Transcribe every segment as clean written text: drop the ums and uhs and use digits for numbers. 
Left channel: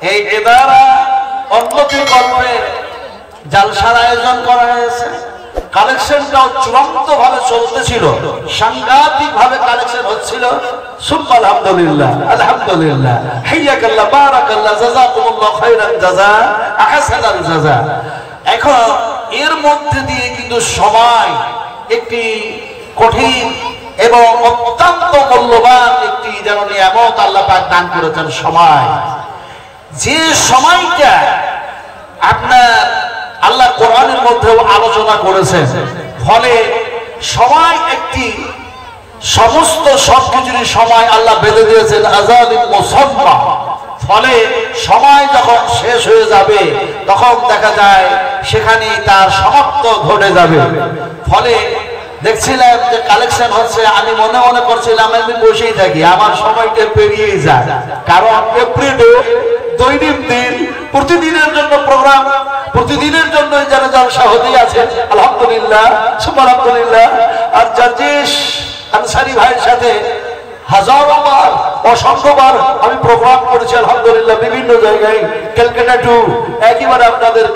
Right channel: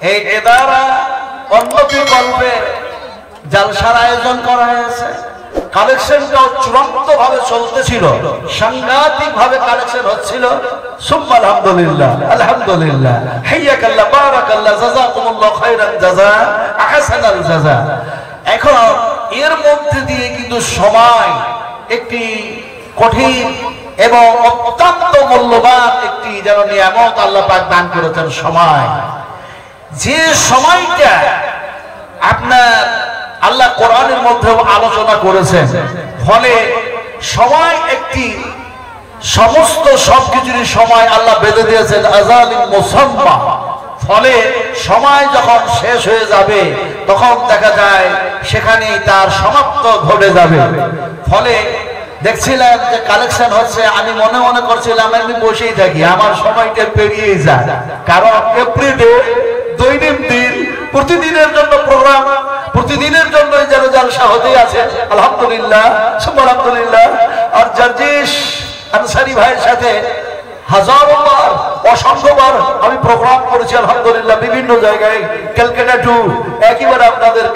এই এদারা উন্নতি করবে জালসার আয়োজন করা হয়েছে। কালেকশনটাও চূড়ান্ত ভাবে চলতেছিল, সাংঘাতিক ভাবে কালেকশন হচ্ছিল। সুবহান আলহামদুলিল্লাহ, আলহামদুলিল্লাহ, হাইয়াকাল্লাহ, বারাকাল্লাহ, জাযাকুমুল্লাহ খায়রান জাযা, আহসানাল জাযা। এখন এর মধ্যে দিয়ে কিন্তু সময় একটি কঠিন এবং অত্যন্ত মূল্যবান একটি যেন নিয়ামত আল্লাহ পাক দান করেছেন। সময়, যে সময়টা আপনার আল্লাহ কোরআনের মধ্যেও আলোচনা করেছেন, ফলে সময় একটি সমস্ত সবকিছুরই সময় আল্লাহ বেঁধে দিয়েছেন আযালিম মুসাম্মা। ফলে সময় যখন শেষ হয়ে যাবে তখন দেখা যায় সেখানেই তার সমাপ্ত ঘটে যাবে। ফলে দেখছিলাম যে কালেকশন হচ্ছে, আমি মনে মনে করছিলাম আমি বসেই থাকি, আমার সময়টা পেরিয়েই যায়। কারণ এপ্রিলে দৈনন্দিন প্রতিদিনের জন্য প্রোগ্রাম, প্রতিদিনের জন্য যেন জলসা হতেই আছে। আলহামদুলিল্লাহ, সুবহানাল্লাহ। আর জার্জিস আনসারী ভাইয়ের সাথে হাজারো বার, অসংখ্যবার আমি প্রোগ্রাম করেছি আলহামদুলিল্লাহ, বিভিন্ন জায়গায়, ক্যালকাটা টু একেবারে আপনাদের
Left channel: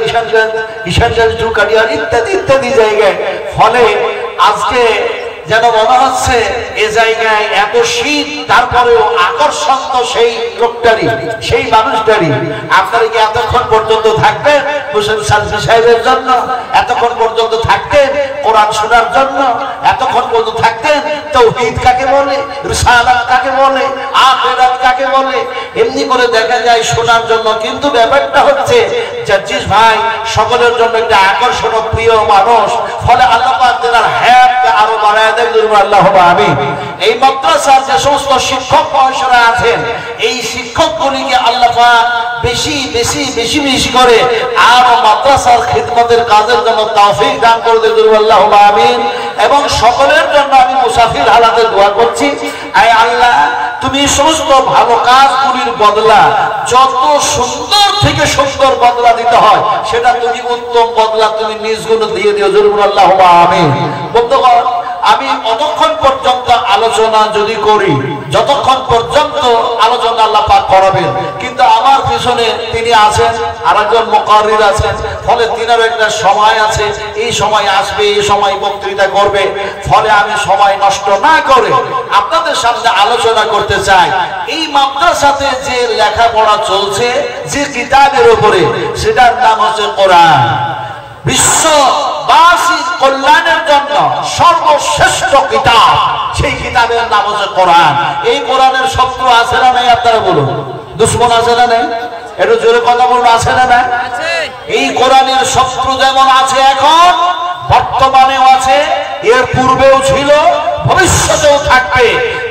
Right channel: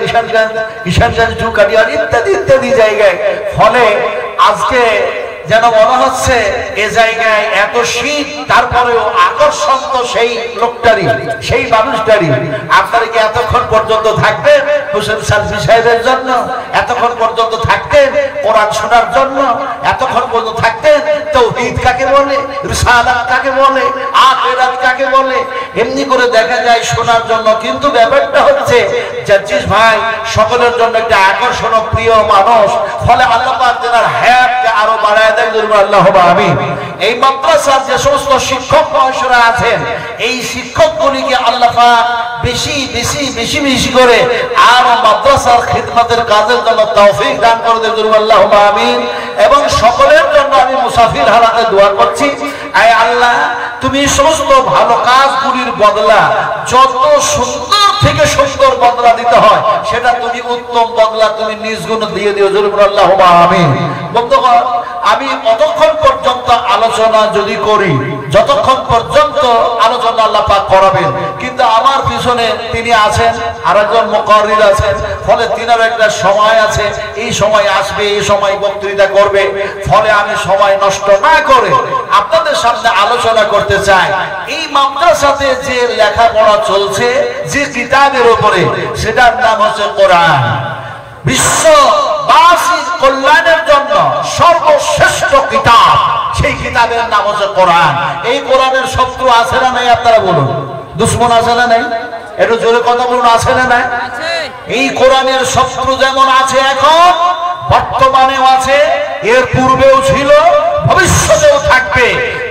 কিষানগঞ্জ টু কাটিয়ার ইত্যাদি ইত্যাদি জায়গায়। ফলে আজকে যেন মনে হচ্ছে এ জায়গায় এত শীত, তারপরেও আকর্ষণ তো সেই লোকটারই, সেই মানুষটারই। আপনারা কি এতক্ষণ পর্যন্ত থাকবেন হোসেন সালফি সাহেবের জন্য? এতক্ষণ পর্যন্ত থাকতেন কোরআন শোনার জন্য? এতক্ষণ পর্যন্ত থাকতেন তাওহীদ কাকে বলে, রিসালাত কাকে বলে, আখিরাত কাকে বলে, এমনি করে দেখা যায় শোনার জন্য। কিন্তু ব্যাপারটা হচ্ছে জাজিস ভাই সকলের জন্য একটা আকর্ষণ প্রিয় মানুষ। ফলে আল্লাহ পাক তার হায়াতকে আরো বাড়ায় দেয়। আল্লাহুম্মা আমিন। এই মাদ্রাসার যে সমস্ত শিক্ষক মহাশয়রা আছেন, এই শিক্ষকগুলিকে আল্লাহ পাক বেশি বেশি বেশি বেশি করে আরো মাদ্রাসার খিদমতের কাজের জন্য তৌফিক দান করে দেন। আল্লাহুম্মা আমিন। এবং সকলের জন্য আমি মুসাফির হালাতে দোয়া করছি, আয় আল্লাহ তুমি সমস্ত ভালো কাজগুলির বদলা যত সুন্দর থেকে সুন্দর বদলা দিতে হয়, সেটা তুমি উত্তম বদলা তুমি নিজ গুণে দিয়ে দিও। আল্লাহুম্মা আমিন। বন্ধুগণ, আমি অতক্ষণ পর্যন্ত আলোচনা যদি করি, যতক্ষণ পর্যন্ত আলোচনা আল্লাহ পাক করাবেন, কিন্তু আমার পিছনে তিনি আছেন, আরেকজন মুকাররির আছেন। ফলে তিনার একটা সময় আছে, এই সময় আসবে, এই সময় বক্তৃতা করবে। ফলে আমি সময় নষ্ট না করে আপনাদের সামনে আলোচনা করতে চাই। এই মাদ্রাসাতে যে লেখাপড়া চলছে যে কিতাবের উপরে, সেটার নাম হচ্ছে কোরআন। বিশ্ববাসীর কল্যাণের জন্য সর্বশ্রেষ্ঠ কিতাব, সেই কিতাবের নাম হচ্ছে কোরআন। এই কোরআনের শত্রু আছে না নাই? আপনারা বলুন, দুশ্মন আছে না নাই? একটু জোরে কথা বলুন, আছে না নাই? এই কোরআনের শত্রু যেমন আছে এখন, বর্তমানেও আছে, এর পূর্বেও ছিল, ভবিষ্যতেও থাকবে।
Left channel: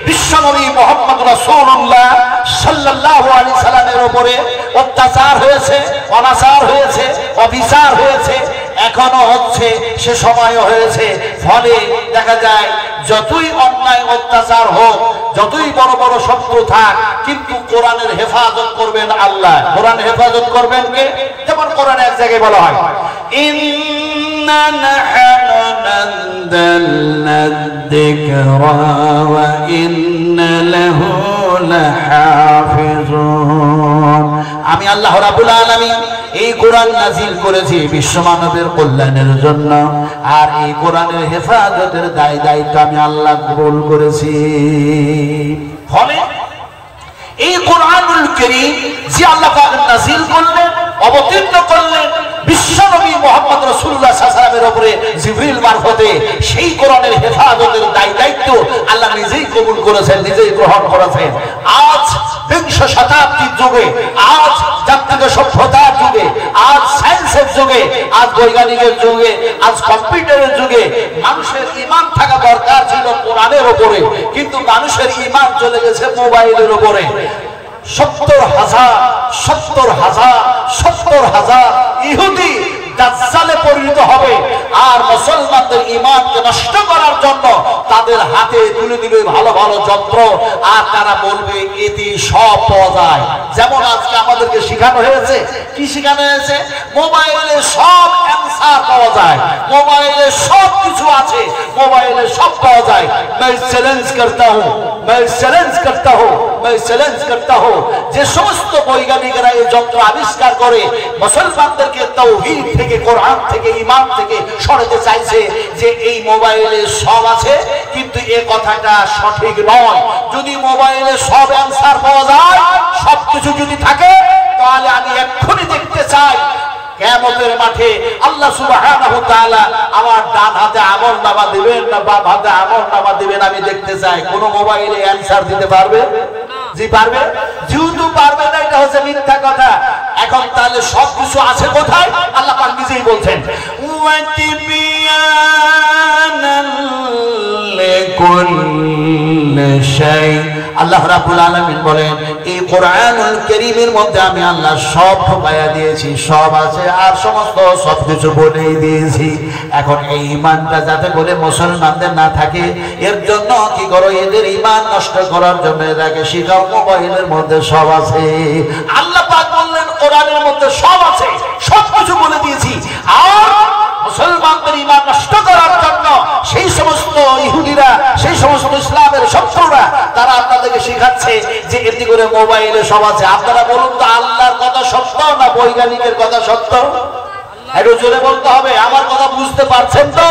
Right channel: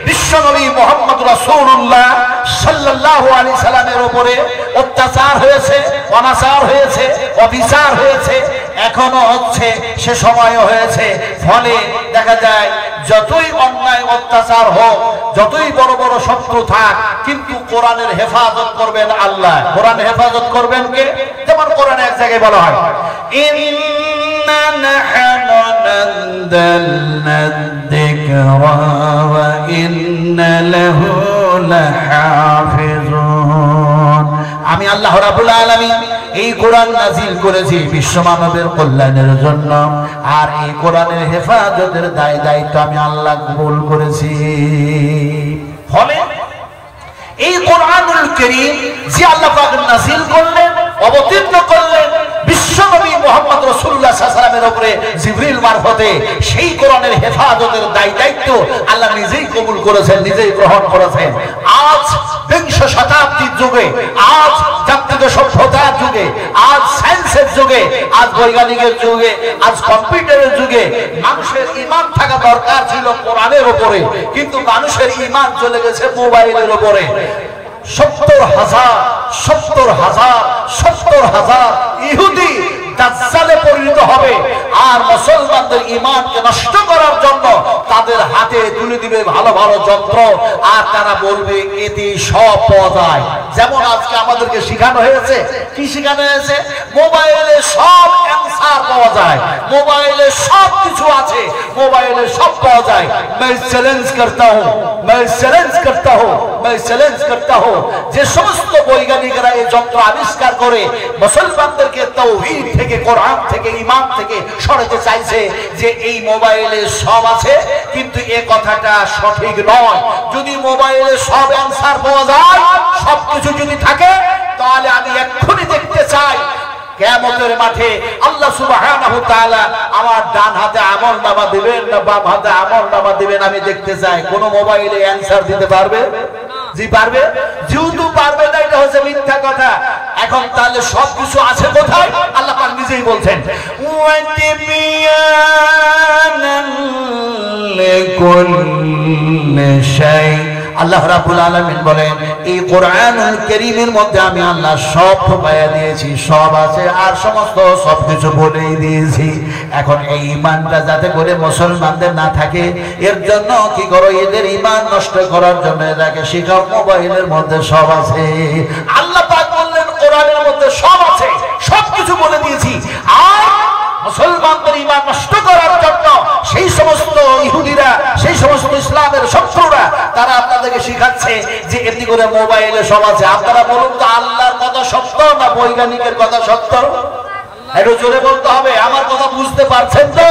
বিশ্বনবী মুহাম্মদ রাসূলুল্লাহ সাল্লাল্লাহু আলাইহি সাল্লামের উপরে অত্যাচার হয়েছে, অনাচার হয়েছে, অবিচার হয়েছে, এখনো হচ্ছে, সে সময়ও হয়েছে। ফলে দেখা যায় যতই অন্যায় অত্যাচার হোক, যতই বড় বড় শত্রু থাক, কিন্তু কোরআনের হেফাজত করবেন আল্লাহ। কোরআন হেফাজত করবেন কে? যেমন কোরআনে এক জায়গায় বলা হয়, ইন্না নাহনু নাযালনা যিকরা ওয়া ইন্না লাহু লাহাফিজুন। আমি আল্লাহ রাব্বুল আলামিন এই কোরআন নাজিল করেছি বিশ্বমানবের কল্যাণের জন্য, আর এই কোরআনের হেফাজতের দায়িত্ব আমি আল্লাহ কবুল করেছি। ফলে এই কোরআনুল কারীম যে আল্লাহ পাক নাজিল করলেন, অবতীর্ণ করলেন বিশ্বনবী মুহাম্মদ রাসূলুল্লাহ সাল্লাল্লাহু আলাইহি ওয়াসাল্লামের উপরে জিবরিল মারফতে, সেই কোরআনের হেফাজতের দায়িত্ব আল্লাহ নিজেই কবুল করেছেন, নিজেই গ্রহণ করেছেন। আজ বিংশ শতাব্দীর যুগে, আজ জাগতিক সভ্যতার যুগে, আজ সায়েন্সের যুগে, আজ বৈজ্ঞানিকের যুগে, আজ কম্পিউটারের যুগে মানুষের ঈমান থাকা দরকার ছিল কোরআনের উপরে, কিন্তু মানুষের ঈমান চলে গেছে মোবাইলের উপরে। 70,000 ইহুদি দাজ্জালে পরিণত হবে, আর মুসলমানদের ঈমানকে নষ্ট করার জন্য তাদের হাতে তুলে দিবে ভালো ভালো যন্ত্র, আর তারা বলবে এতে সব পাওয়া যায়। যেমন আজকে আমাদেরকে শেখানো হয়েছে, কি শেখানো হয়েছে? মোবাইলে সব অ্যানসার পাওয়া যায়, মোবাইলে সব কিছু আছে, মোবাইলে সব পাওয়া যায়। मैं চ্যালেঞ্জ করতা হুঁ, যে সমস্ত বৈজ্ঞানিকরা এই যন্ত্র আবিষ্কার করে মুসলমানদেরকে তাওহীদ থেকে, কোরআন থেকে, ঈমান থেকে সরাতে চাইছে যে এই মোবাইলে সব আছে, কিন্তু এই কথাটা সঠিক নয়। যদি মোবাইলে সব অ্যানসার পাওয়া যায়, সবকিছু যদি থাকে, তাহলে আমি এক্ষুনি দেখতে চাই কিয়ামতের মাঠে আল্লাহ সুবহানাহু ওয়া তাআলা আমার ডান হাতে আমলনামা দিবেন না বাম হাতে আমলনামা দিবেন, আমি দেখতে চাই। কোন মোবাইলে অ্যানসার দিতে পারবে? জি পারবে? যেহেতু পারবে না, এটা হচ্ছে মিথ্যা কথা। এখন তাহলে সবকিছু আছে কোথায়? আল্লাহ পাক নিজেই বলছেন, আল্লাহ রাব্বুল আলামিন বলেন এই কোরআনুল কারীমের মধ্যে আমি আল্লাহ সব ঢুকাইয়া দিয়েছি, সব আছে, আর সমস্ত সবকিছু বলেই দিয়েছি। এখন এই ঈমানটা যাতে করে মুসলমানদের না থাকে, এর জন্য কি করো, এদের ঈমান নষ্ট করার জন্য এটাকে শিখাও মোবাইলের মধ্যে সব আছে। আল্লাহ পাক বললেন কোরআনের মধ্যে সব আছে, সবকিছু বলে দিয়েছি। আর মুসলমানদের ঈমান নষ্ট করার জন্য সেই সমস্ত ইহুদিরা, সেই সমস্ত ইসলামের শত্রুরা, তারা আপনাদেরকে শিখাচ্ছে যে এমনি করে মোবাইলে সব আছে। আপনারা বলুন তো, আল্লাহর কথা সত্য না বৈজ্ঞানিকের কথা সত্য? একটু জোরে বলতে হবে। আমার কথা বুঝতে পারছেন তো?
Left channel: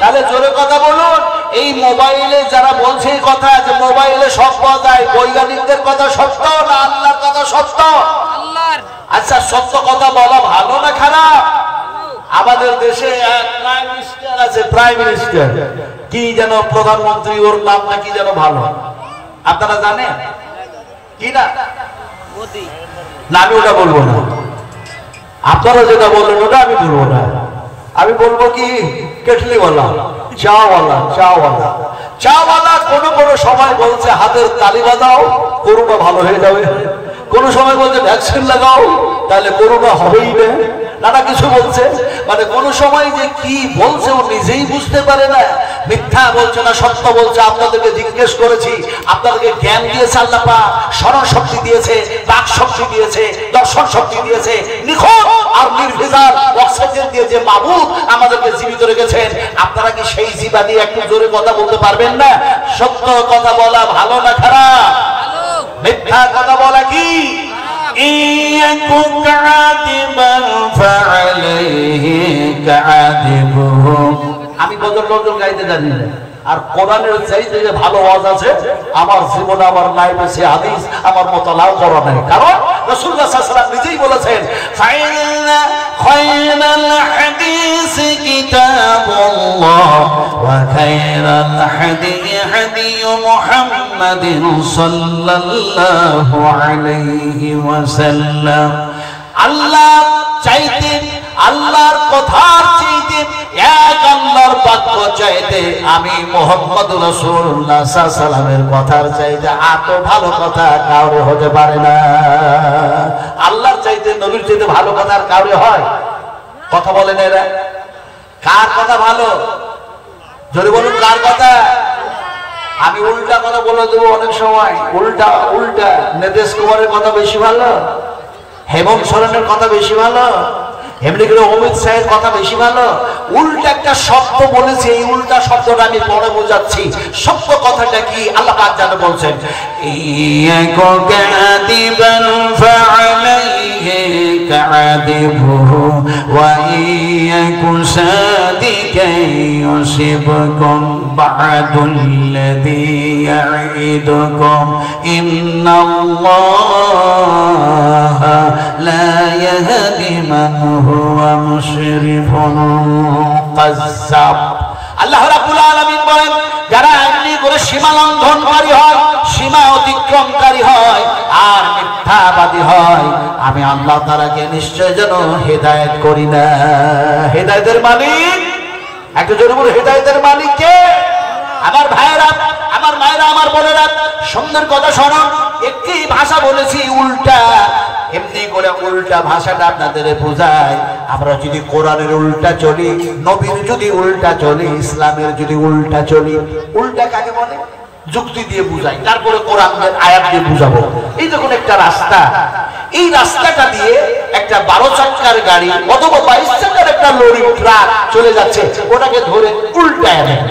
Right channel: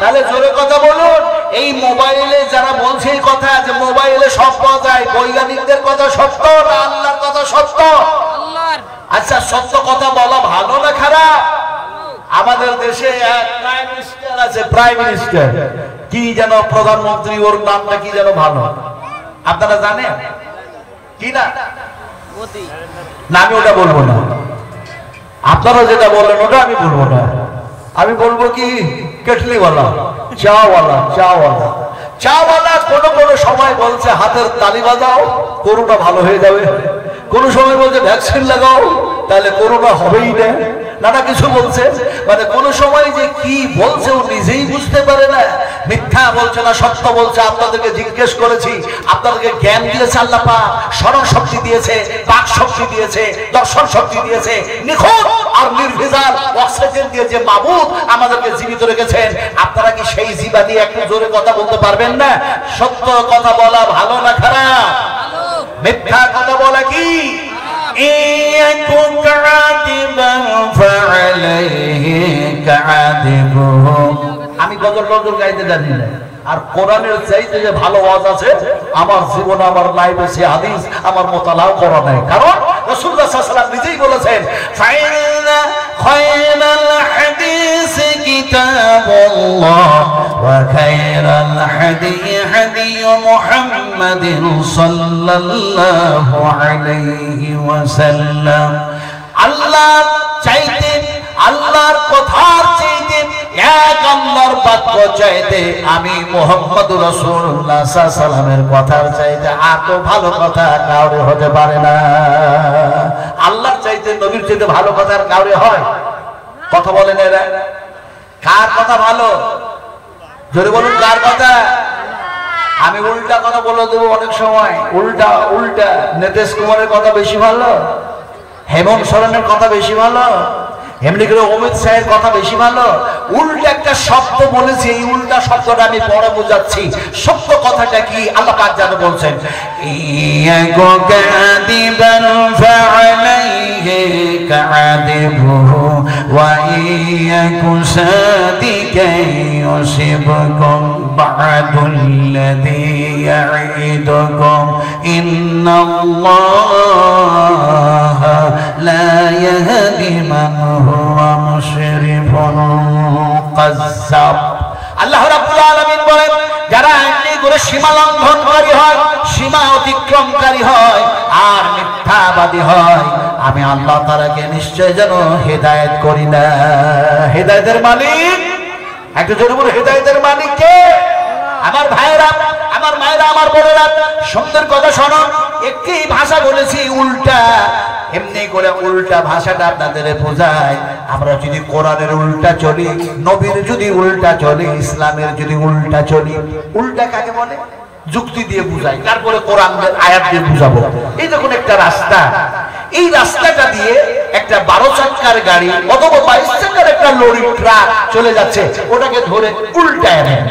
তাহলে জোরে কথা বলুন। এই মোবাইলে যারা বলছে এই কথা যে মোবাইলে সব পাওয়া যায়, বৈজ্ঞানিকদের কথা সত্য না আল্লাহর কথা সত্য? আল্লাহর। আচ্ছা, সত্য কথা বলা ভালো না খারাপ? আমাদের দেশে এক প্রাইম মিনিস্টার আছে, প্রাইম মিনিস্টার কি যেন, প্রধানমন্ত্রী, ওর নামটা কি যেন ভালো, আপনারা জানেন কি না? মোদি না, আমি ওটা বলবো না। আপনারা যেটা বললেন ওটা আমি বলবো না। আমি বলবো কি, কেটলিওয়ালা, চাওয়ালা, চাওয়ালা, চাওয়ালা। কোনো সময় বলছে হাতের তালি বাজাও, করোনা ভালো হয়ে যাবে। কোন সময় বলছে ভ্যাকসিন লাগাও, তাহলে করোনা হবেই না। নানা কিছু বলছে, মানে কোন সময় যে কি বলছে ও নিজেই বুঝতে পারে না। মিথ্যা বলছে না সত্য বলছে। আপনাদেরকে জিজ্ঞেস করেছি, আপনাদেরকে জ্ঞান দিয়েছে আল্লাহ পাক, স্মরণ শক্তি দিয়েছে, বাক শক্তি দিয়েছে, দর্শন শক্তি দিয়েছে, নিখুঁত আর নির্ভেজাল অক্সিজেন দিয়ে যে মাবুদ আমাদেরকে জীবিত রেখেছেন। আপনারা কি সেই জিবা দিয়ে একটু জোরে কথা বলতে পারবেন না? সত্য কথা বলা ভালো না খারাপ? মিথ্যা কথা বলা কি? আমি গজল টজল গাইতে জানি না, আর কোরআনের চাইতে যে ভালো ওয়াজ আছে আমার জীবনে, আমার লাইফে সে হাদিস আমার মোতালা করা নাই। কারণ রাসূলুল্লাহ সাল্লাল্লাহু আলাইহি ওয়াসাল্লাম নিজেই বলেছেন, ফাইনা খায়রাল হাদিস কিতাবুল্লাহ ওয়া খায়রাল হাদি হাদি মুহাম্মাদিন সাল্লাল্লাহু আলাইহি ওয়াসাল্লাম। আল্লাহ চাইতে, আল্লাহর কথার চাইতে, এক আল্লাহর বাক্য চাইতে, আমি মুহাম্মদুর রাসূলুল্লাহ সাল্লাল্লাহু আলাইহি ওয়াসাল্লামের কথার চাইতে এত ভালো কথা কাউরে হতে পারে না। আল্লাহর চাইতে, নবীর চাইতে ভালো কথা আর কাউরে হয়? কথা বলেন এরা, কার কথা ভালো? যদি বলুন কার কথা? আমি উল্টা কথা বলে দেবো অনেক সময়। উল্টা উল্টা নীতিশ কুমারের কথা বেশি ভালো, হেমন্ত সোরেনের কথা বেশি ভালো, এমনি করে অমিত শাহের কথা বেশি ভালো। উল্টা একটা শব্দ বলেছি, এই উল্টা শব্দটা আমি পরে বোঝাচ্ছি। সত্য কথাটা কি আল্লাহ পাক জানে বলছেন, ইয়াকু কাদিবান ফাআলাইহি কাদিবুহু ওয়া ইয়াকু সাদিকান ইউসিবকুম বা'দুল্লাযী ইয়াইদুকুম ইন্নাল্লাহা লা ইয়াহদি মান হুয়া মুশরিফুন কাযযাব। আল্লাহ রাব্বুল আলামিন বলেন, যারা এমনি করে সীমা লঙ্ঘনকারী হয়, সীমা অতিক্রমকারী হয় আর মিথ্যাবাদী হয়, আমি আল্লাহ তাআলাকে নিশ্চয় যেন হেদায়েত করি না। হেদায়েতের মালিক, একটু জোরে বলে, হেদায়েতের মালিক কে? আমার ভাইয়েরা, আমার মায়েরা, আমার বোনেরা, সুন্দর কথা শোনো। একটি ভাষা বলেছি উল্টা, এমনি করে উল্টা ভাষাটা আপনাদের বোঝায়। আমরা যদি কোরআনের উল্টা চলি, নবীর যদি উল্টা চলি, ইসলামের যদি উল্টা চলি, উল্টা কাকে বলে? যুক্তি দিয়ে বুঝাই, তারপরে কোরআনের আয়াত দিয়ে বুঝাবো। এই দেখুন একটা রাস্তা, এই রাস্তাটা দিয়ে একটা 12 চাকার গাড়ি অথবা 22 চাকার একটা লরি ট্রাক চলে যাচ্ছে, ওটাকে ধরে উল্টায় নেন।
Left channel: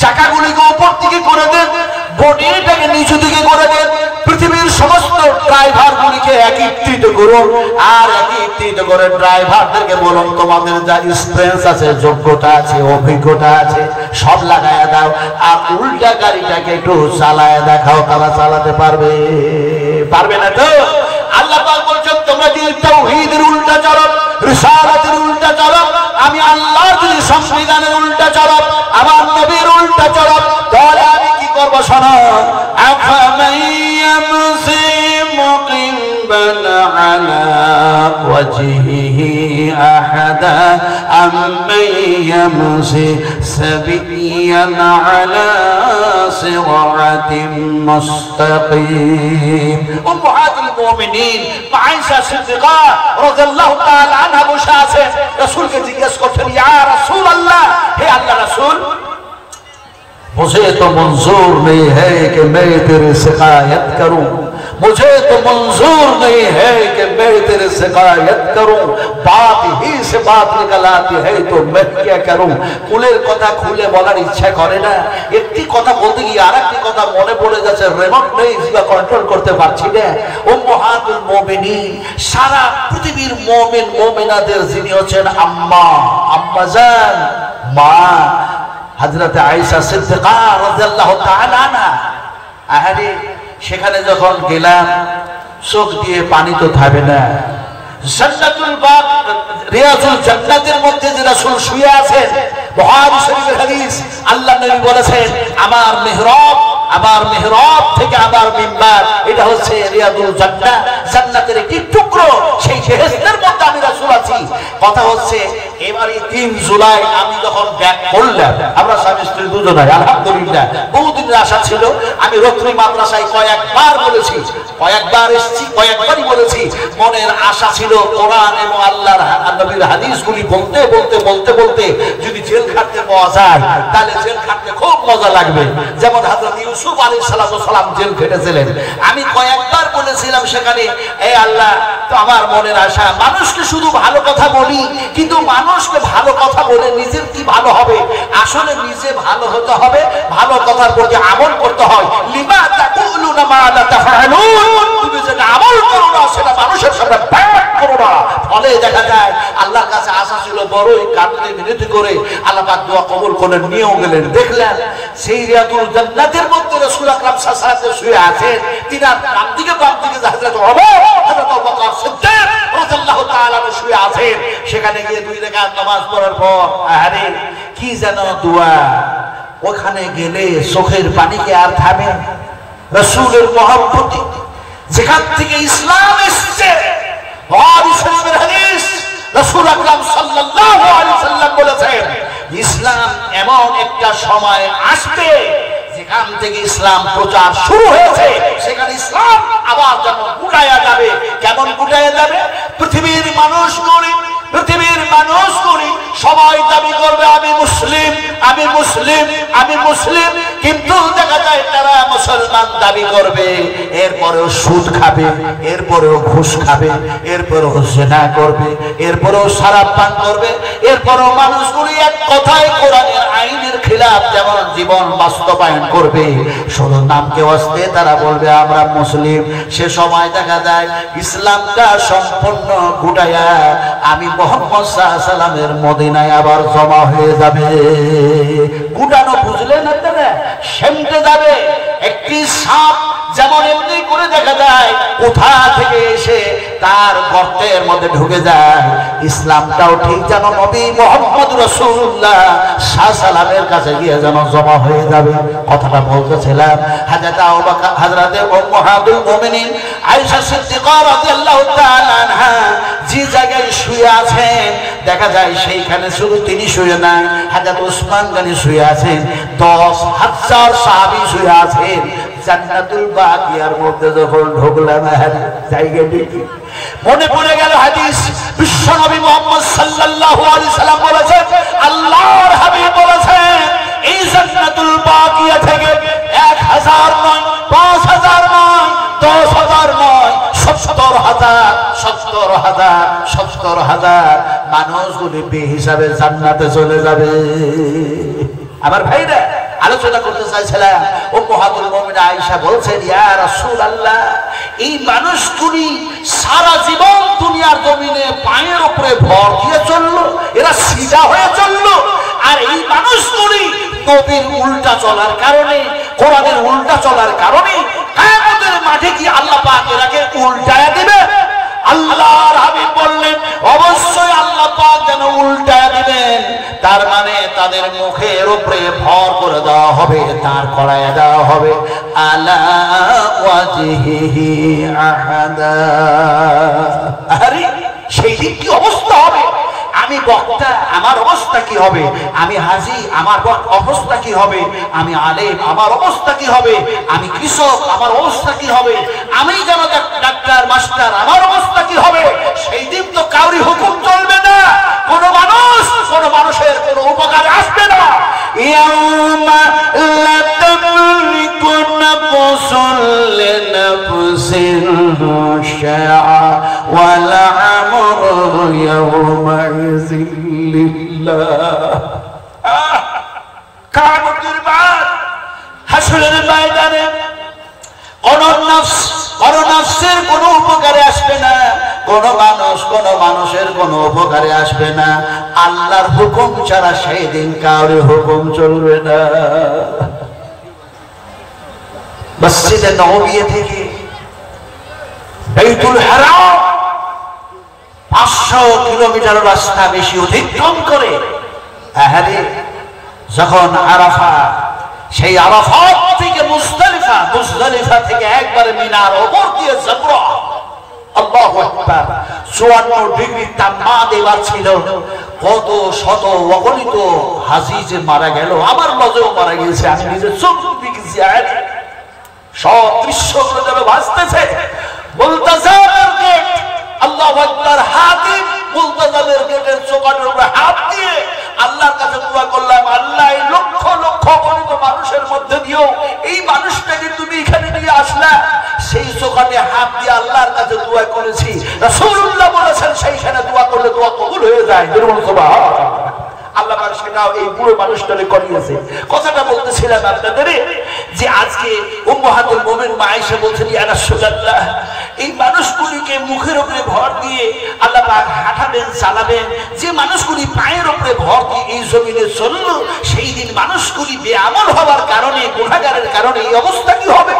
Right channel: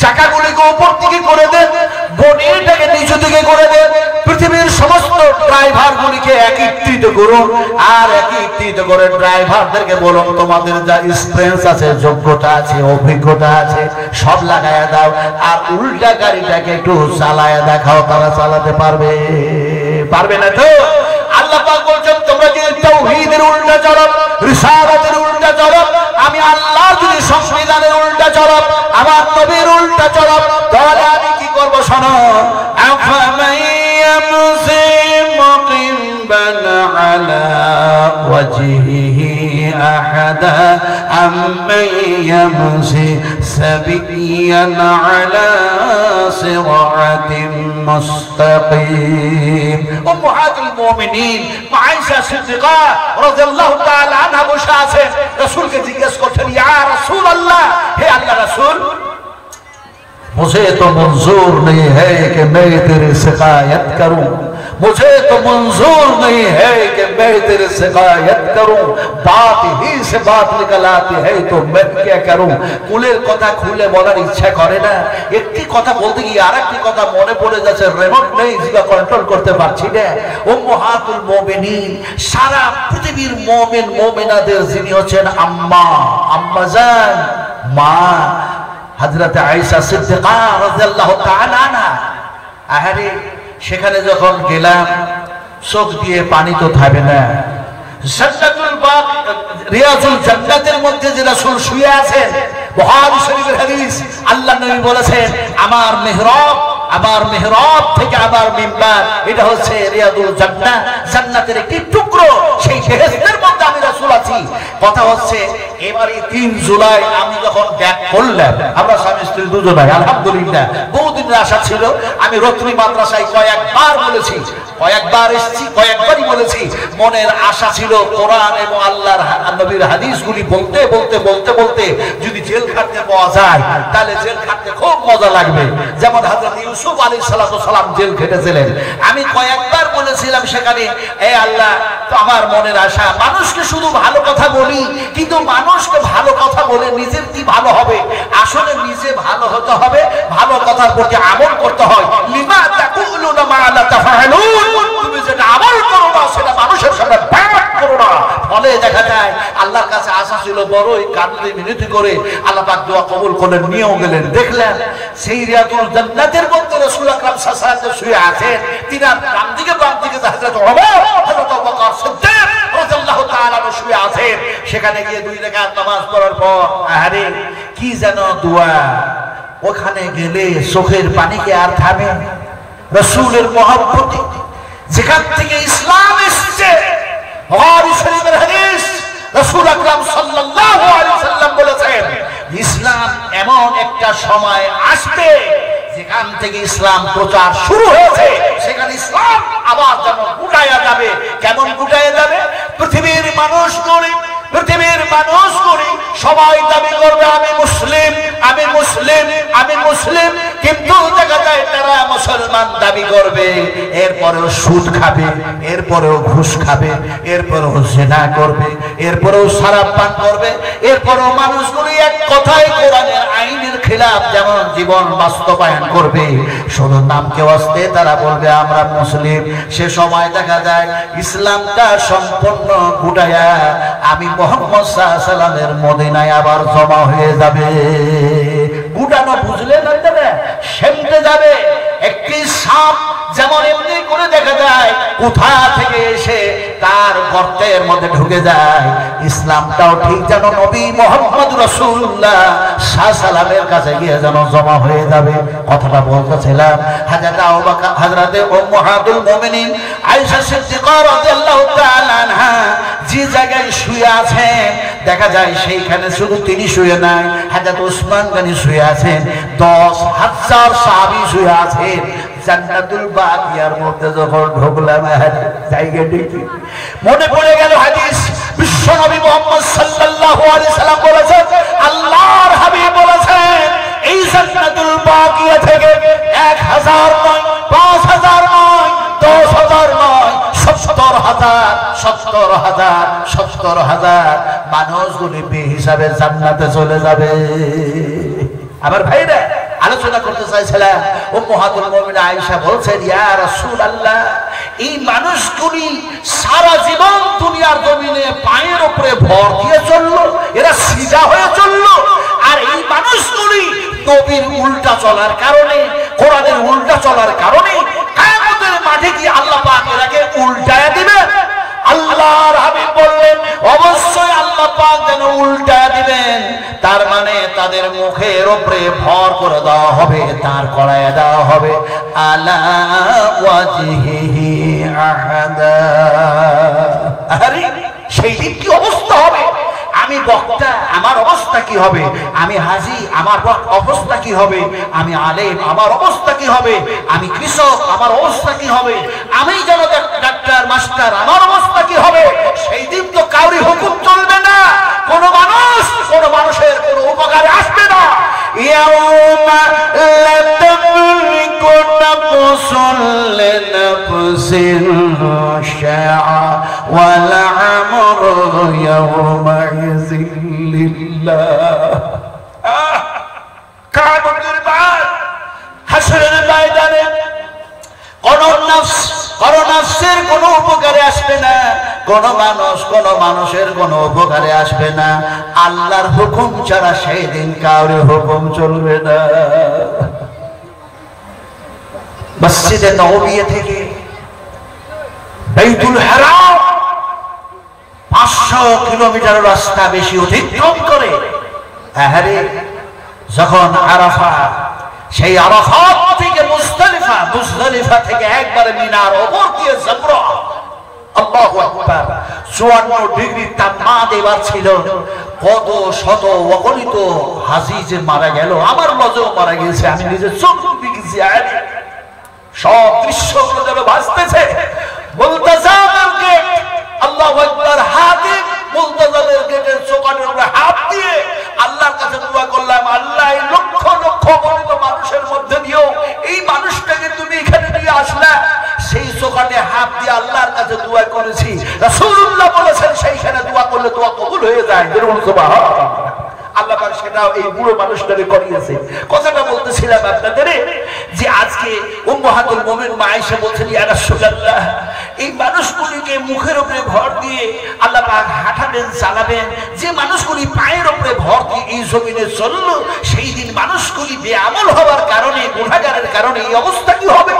চাকাগুলিকে উপর দিকে করে দেন, বডিটাকে নিচু দিকে করে দেন। পৃথিবীর সমস্ত ড্রাইভার গুলিকে একত্রিত করুন, আর একত্রিত করে ড্রাইভারদেরকে বলুন তোমাদের যা এক্সপেরিয়েন্স আছে, যোগ্যতা আছে, অভিজ্ঞতা আছে সব লাগায়া দাও, আর উল্টা গাড়িটাকে একটু চালায়া দেখাও, তারা চালাতে পারবে। পারবে না তো? আল্লাহ পাক বলছেন তোমরা যদি তাওহীদের উল্টা চলো, রিসালাতের উল্টা চলো, আমি আল্লাহর যদি সংবিধানের উল্টা চলো, আমার নবীর উল্টা চলো, তাহলে আমি কি করব শোনো। আফামাইয়ামসি মুকিবান আলা ওয়াজহিহি আহাদা আম্মাইয়ামসি সাবিয়ান আলা সিরাতিন মুস্তাকিম। উম্মাহাতুল মুমিনিন আয়েশা সিদ্দিকা রাদিয়াল্লাহু তাআলা আনহা বসে আছেন, রাসূলকে জিজ্ঞেস করছেন ইয়া রাসূলুল্লাহ, হে আল্লাহর রাসূল, मुझे तो मंजूर नहीं है कि मैं तेरी शिकायत करूं, मुझे तो मंजूर नहीं है कि मैं तेरी शिकायत करूं, बात ही से बात निकल आती है तो मैं क्या करूं। কুলের কথা খুলে বলার ইচ্ছা করে না, একটি কথা বলতে গিয়ে আরেকটি কথা মনে পড়ে যাচ্ছে, রিমোট নেই, জিবা কন্ট্রোল করতে পারছি না। উম্মাহাতুল মুমিনিন, সারা পৃথিবীর মুমিন মুমিনাদের যিনি হচ্ছেন আম্মা, আম্মাজান, মা হযরত আয়েশা সিদ্দিকা রাদিয়াল্লাহু তাআলা আনহা। আহারে সেখানে যখন গেলাম চোখ দিয়ে পানি তো থামে না। জান্নাতুল বাগ, রিয়াজুল জান্নাতের মধ্যে যে রাসূল শুয়ে আছেন, বুখারী শরীফের হাদিস, আল্লাহর নবী বলেছেন আমার মেহরাব থেকে আমার মিম্বার, এটা হচ্ছে রিয়াজুল জান্নাত, জান্নাতের একটি টুকরো, সেই বেহেশতের মধ্যে আমি রাসূল আছি। কথা হচ্ছে এবারে 3 জুলাই আমি যখন ব্যাক করলাম, আমরা স্বামী স্ত্রী দুজনাই আলহামদুলিল্লাহ, বহুদিনের আশা ছিল। আমি রত্নী মাদ্রাসায় কয়েকবার বলেছি, কয়েকবার এসেছি, কয়েকবারই বলেছি, মনের আশা ছিল কোরআন এবং আল্লাহর নবীর হাদিসগুলি বলতে বলতে বলতে বলতে যদি জেল খাটতে পাওয়া যায় তাহলে জেল খাটতে খুব মজা লাগবে, যেমন হযরত ইউসুফ আলাইহিস সালাম জেল খেটেছিলেন। আমি কয়েকবার বলেছিলাম সেখানে, এই আল্লাহ তো আমার মনের আশা, মানুষকে শুধু ভালো কথা বলি, কিন্তু মানুষকে ভালো কথা বলে নিজের কি ভালো হবে? আসলে নিজে ভালো হতে হবে, ভালো কথার প্রতি আমল করতে হয়। লিমা তাকুলুনা মা লা তাফআলুন, তুমি যেটা আমল করো না সেটা মানুষের সামনে ব্যাক করো না। ফলে দেখা যায় আল্লাহর কাছে আশা ছিল বড়ই, কাঁদতে মিনতি করে আল্লাহ পাক দোয়া কবুল করে নিয়েও গেলেন। দেখলেন সেই রিয়াজুল জান্নাতের মধ্যে রাসূল আকরাম সাল্লাল্লাহু আলাইহি ওয়াসাল্লাম শুয়ে আছেন, তিনার ডান দিকে বাম দিকে হযরত ওমর, হযরত আবু বকর সিদ্দিক রাদিয়াল্লাহু তাআলা শুয়ে আছেন। সেখানে গিয়ে 2 রাকাত নামাজ পড়ার পর আরে কি যেন দোয়া, ওখানে গেলে চোখের পানি কি আর থামে? রাসূলের মহব্বতে যেখান থেকে ইসলাম এসেছে, বুখারী শরীফের হাদিস, রাসূল আকরাম সাল্লাল্লাহু আলাইহি ওয়াসাল্লাম বলেছেন ইসলাম এমন একটা সময় আসবে যেখান থেকে ইসলাম প্রচার শুরু হয়েছে, সেখানে ইসলাম আবার যেন গুটায়া যাবে। কেমন গুটায়া যাবে? পৃথিবীর মানুষগুলি সবাই দাবি করবে আমি মুসলিম, আমি মুসলিম, আমি মুসলিম, কিন্তু দেখা যায় তারা মুসলমান দাবি করবে, এরপরেও সুদ খাবে, এরপরেও ঘুষ খাবে, এরপরেও জিনা করবে, এরপরেও শরাব পান করবে, এরপরেও মানুষগুলি এক কথায় কোরআনের আইনের খিলাফ যেমন জীবন বাস্তবায়ন করবে। শুধু নামকে অস্তে তারা বলবে আমরা মুসলিম। সে সময় দেখা যায় ইসলামটা সম্পূর্ণ গুটায়া আমি মুহাম্মদ সাল্লাল্লাহু আলাইহি ওয়াসাল্লামের মদিনায় আবার জমা হয়ে যাবে। গুটানো বুঝলেন না? সেমতে যাবে। একটি সাপ যেমন এমনি করে দেখা যায় কোথা থেকে এসে তার গর্তের মধ্যে ঢুকে যায়, ইসলামটাও ঠিক যেন নবী মুহাম্মদ রাসূলুল্লাহ সাল্লাল্লাহু আলাইহি ওয়াসাল্লামের কাছে গিয়ে যেন জমা হয়ে যাবে। কথাটা বলতেছিলাম, হযরতে উম্মাহাতুল মুমিনিন আয়েশা সিদ্দিকা রাদিয়াল্লাহু তাআলা আনহা যে জায়গায় শুয়ে আছেন, দেখা যায় সেইখানে শুধু তিনি শুয়ে নাই, হযরত উসমান গনি শুয়ে আছেন, 10,000 সাহাবী শুয়ে আছেন। জান্নাতুল বাকিয়ার মধ্যে যখন ঢুকলাম, জায়গা দেখি মনে পড়ে গেল হাদিস, বিশ্বনবী মুহাম্মদ সাল্লাল্লাহু আলাইহি সাল্লাম বলেছেন, আল্লাহর হাবিব বলেছেন এই জান্নাতুল বাকিয়া থেকে 1000 নয়, 5000 নয়, 10,000 নয়, 70,000 মানুষগুলি বেহিসাবে জান্নাতে চলে যাবে। আমার ভাইরা আলোচনা করতে চাইছিলাম। উম্মাহাতুল মুমিনিন আয়েশা বলছেন, ইয়া রাসূলুল্লাহ, এই মানুষগুলি সারা জীবন দুনিয়ার জমিনে পায়ের উপরে ভর দিয়ে চললো, এরা সিধা হয়ে চললো, আর এই মানুষগুলি নবীর উল্টা চলার কারণে, কোরআনের উল্টা চলার কারণে কিয়ামতের মাঠে কি আল্লাহ পাক এরাকে উল্টায়া দিবেন? আল্লাহর হাবিব বললেন, অবশ্যই আল্লাহ পাক যেন উল্টায়া দিবেন। তার মানে তাদের মুখের উপরে ভর করে দেওয়া হবে, দাঁড় করায় দেওয়া হবে। আলা ওয়াজহিহি আহাদা। আরে সেই দিন কি অবস্থা হবে? আমি বক্তা, আমার অবস্থা কি হবে? আমি হাজী, আমার অবস্থা কি হবে? আমি আলেম, আমার অবস্থা কি হবে? আমি কৃষক, আমার অবস্থা কি হবে? আমি যেন ডাক্তার, মাস্টার, আমার অবস্থা কি হবে? সেই দিন তো কাউরি হুকুম চলবে না, কোন মানুষের কোনো উপকারে আসবে না। ইয়াউমা লা তামলিকু নাফসুন লিনাফসিন শাইআ ওয়া লা আমরু ইয়াউমাইযিন লিল্লাহ। কিয়ামতের মাঠ, হাসরের ময়দানে কোন নফসের কোনো উপকারে আসবে না, কোন মানুষের কোনো উপকারে আসবে না। আল্লাহর হুকুম ছাড়া সেই দিন কারোর হুকুম চলবে না। মসজিদে নববী থেকে বাইতুল হারাম 500 কিলোমিটার রাস্তা বেশি অতিক্রম করে যখন আরাফা, সেই আরাফাত থেকে মুজদালিফা থেকে একবারে মিনার ওপর দিয়ে জামরা, আল্লাহু আকবার, 54 ডিগ্রি তাপমাত্রা এবার ছিল। কত শত অগণিত হাজী যে মারা গেল, আমার নজরেও মারা গেছে, আমি নিজে চোখ দেখেছি। সব দৃশ্যগুলো যেন ভাসতেছে। মুলতাজামের গেট, আল্লাহু আকবার, হাতিম মুলতাজামের গেটের চৌকাঠের উপরে হাত দিয়ে আল্লাহর কাছে দোয়া করলাম, আল্লাহ এই লক্ষ লক্ষ অগণিত মানুষের মধ্যে দিও এই মানুষটাকে তুমি এখানে নিয়ে আসলা। সেই চৌকাঠে হাত দিয়ে আল্লাহর কাছে দোয়া করেছি। রাসূলুল্লাহ বলেছেন, সেইখানে দোয়া করলে দোয়া কবুল হয়ে যায়। সুবহানাল্লাহ। আল্লাহ পাক সেটাও এই বুড়ো মানুষটাকে করিয়েছে। কথাটা বলতেছিলাম আপনাদের যে আজকে উম্মাহাতুল মুমিনিন মা আয়েশা বলছেন, ইয়া রাসূলুল্লাহ, এই মানুষগুলিকে মুখের উপরে ভর দিয়ে আল্লাহ পাক হাঁটাবেন, চালাবেন। যে মানুষগুলি পায়ের উপরে ভর দিয়ে এই জমিনে চলল, সেই দিন মানুষগুলি বেআমল হওয়ার কারণে, গুনাহগারের কারণে এই অবস্থা কি হবে?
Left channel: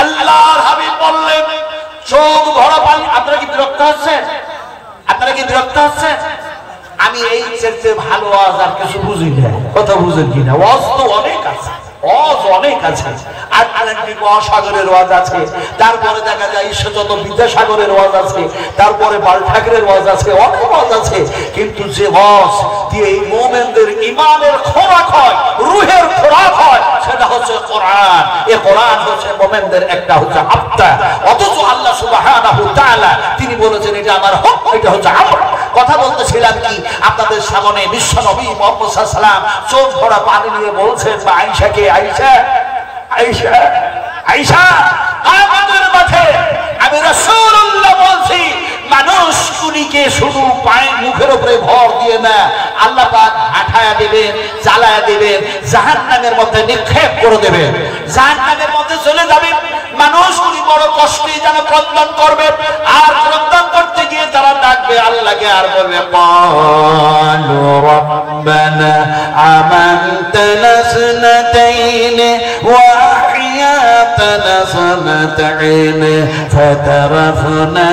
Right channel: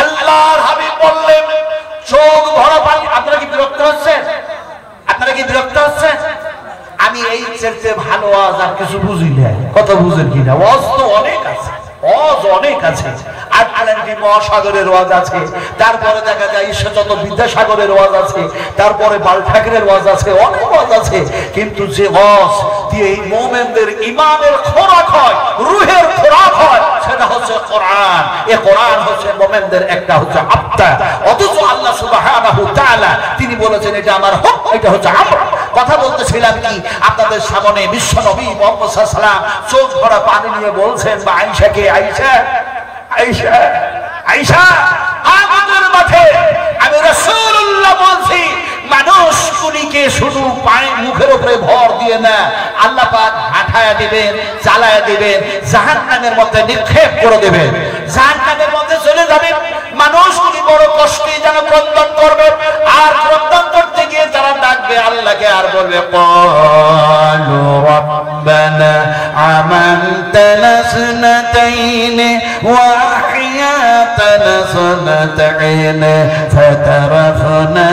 আল্লাহর হাবিব বললেন, চোখ ভরা পানি। আপনারা কি বিরক্ত হচ্ছেন? আপনারা কি বিরক্ত হচ্ছেন? আমি এই চেয়ে ভালো ওয়াজ আর কিছু বুঝি না। কথা বুঝেন কিনা? ওয়াজ তো অনেক আছে, ওয়াজ অনেক আছে। আটলান্টিক মহাসাগরের ওয়াজ আছে, তারপরে দেখা যায় ঈশ্বরচন্দ্র বিদ্যাসাগরের ওয়াজ আছে, তারপরে বাল ঠাকুরের ওয়াজ আছে, অনেক ওয়াজ আছে। কিন্তু যে ওয়াজ দিয়ে এই মুমিনদের ঈমানের খোরাক হয়, রূহের খোরাক হয়, সেটা হচ্ছে কোরআন। এই কোরআন হচ্ছে মুমিনদের একটা হচ্ছে আত্মা। অথচ আল্লাহ সুবহানাহু ওয়া তাআলা তিনি বলেছেন, এটা আমার হক, এটা হচ্ছে আমর। কথা বলতেছিলাম কি আপনাদের সামনে, বিশ্ব নবী মুহাম্মদ সাল্লাল্লাহু আলাইহি ওয়াসাল্লাম চোখ ভরা পানি নিয়ে বলছেন আয়েশাকে, আয়েশা আয়েশা আয়েশা, আমাদের মাঠে আমি রাসূলুল্লাহ বলছি, মানুষগুলিকে শুধু পায়ের মুখের উপরে ভর দিয়ে না, আল্লাহ পাক হাঁটায়া দিবেন, চালায়া দিবেন, জাহান্নামের মধ্যে নিক্ষেপ করে দিবেন, জাহান্নামের মধ্যে চলে যাবে। মানুষগুলি বড় কষ্টে যেন ক্রন্দন করবে, আর ক্রন্দন করতে গিয়ে তারা ডাকবে আল্লাহকে, আর বলবে, ক্বালু রাব্বানা আমানতানা সনাতাইন ওয়া আহইয়াতানা সনাতাইন ফাতারাফনা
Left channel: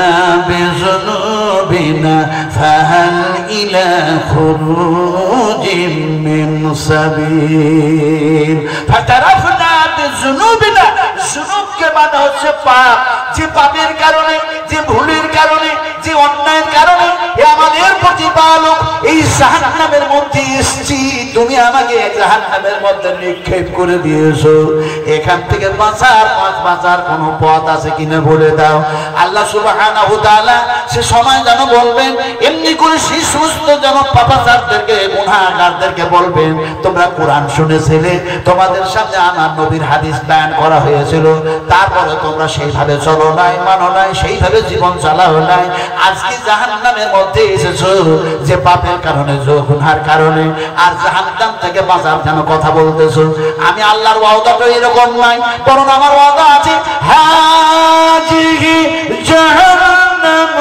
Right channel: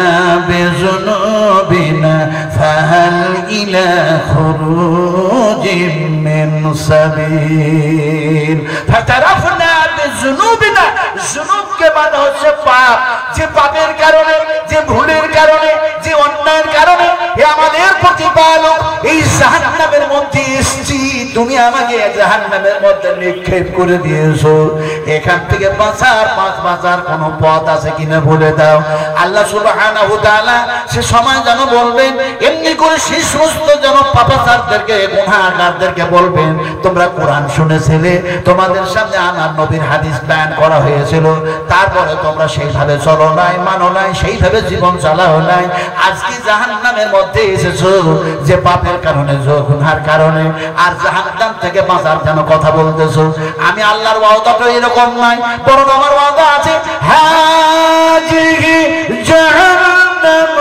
বিযুনুবিনা ফাহাল ইলা খুরুজিন মিন সাবিল। ফাতারাফনা বিযুনুবিনা, যুনুবকে মানে হচ্ছে পাপ। যে পাপের কারণে, যে ভুলের কারণে, যে অন্যায়ের কারণে আমাদের প্রতিপালক এই জাহান্নামের মধ্যে এসেছি, তুমি আমাকে জাহান্নামের মধ্যে নিক্ষেপ করে দিয়েছো। এখান থেকে বাঁচার কোনো পথ আছে কিনা বলে দাও। আল্লাহ সুবহানাহু ওয়া তাআলা সে সময় যেন বলবেন, এমনি করে সেই সমস্ত যেন পাপাচারদেরকে, গুনাহগারদেরকে বলবেন, তোমরা কোরআন শুনেছিলে, তোমাদের সামনে আমার নবীর হাদিস বয়ান করা হয়েছিল, তারপরে তোমরা সেইভাবে চলো নাই, মানো নাই, সেইভাবে জীবন চালাও নাই। আজকে জাহান্নামের মধ্যে এসেছো যে পাপের কারণে, গুনার কারণে। আর খাদ্দাম থেকে বাঁচার যেন কথা বলতেছো। আমি আল্লাহর ওয়াদাটা এরকম নাই, বরং আমার ওয়াদা আছে হাজিহি জাহান্নামুল্লাতী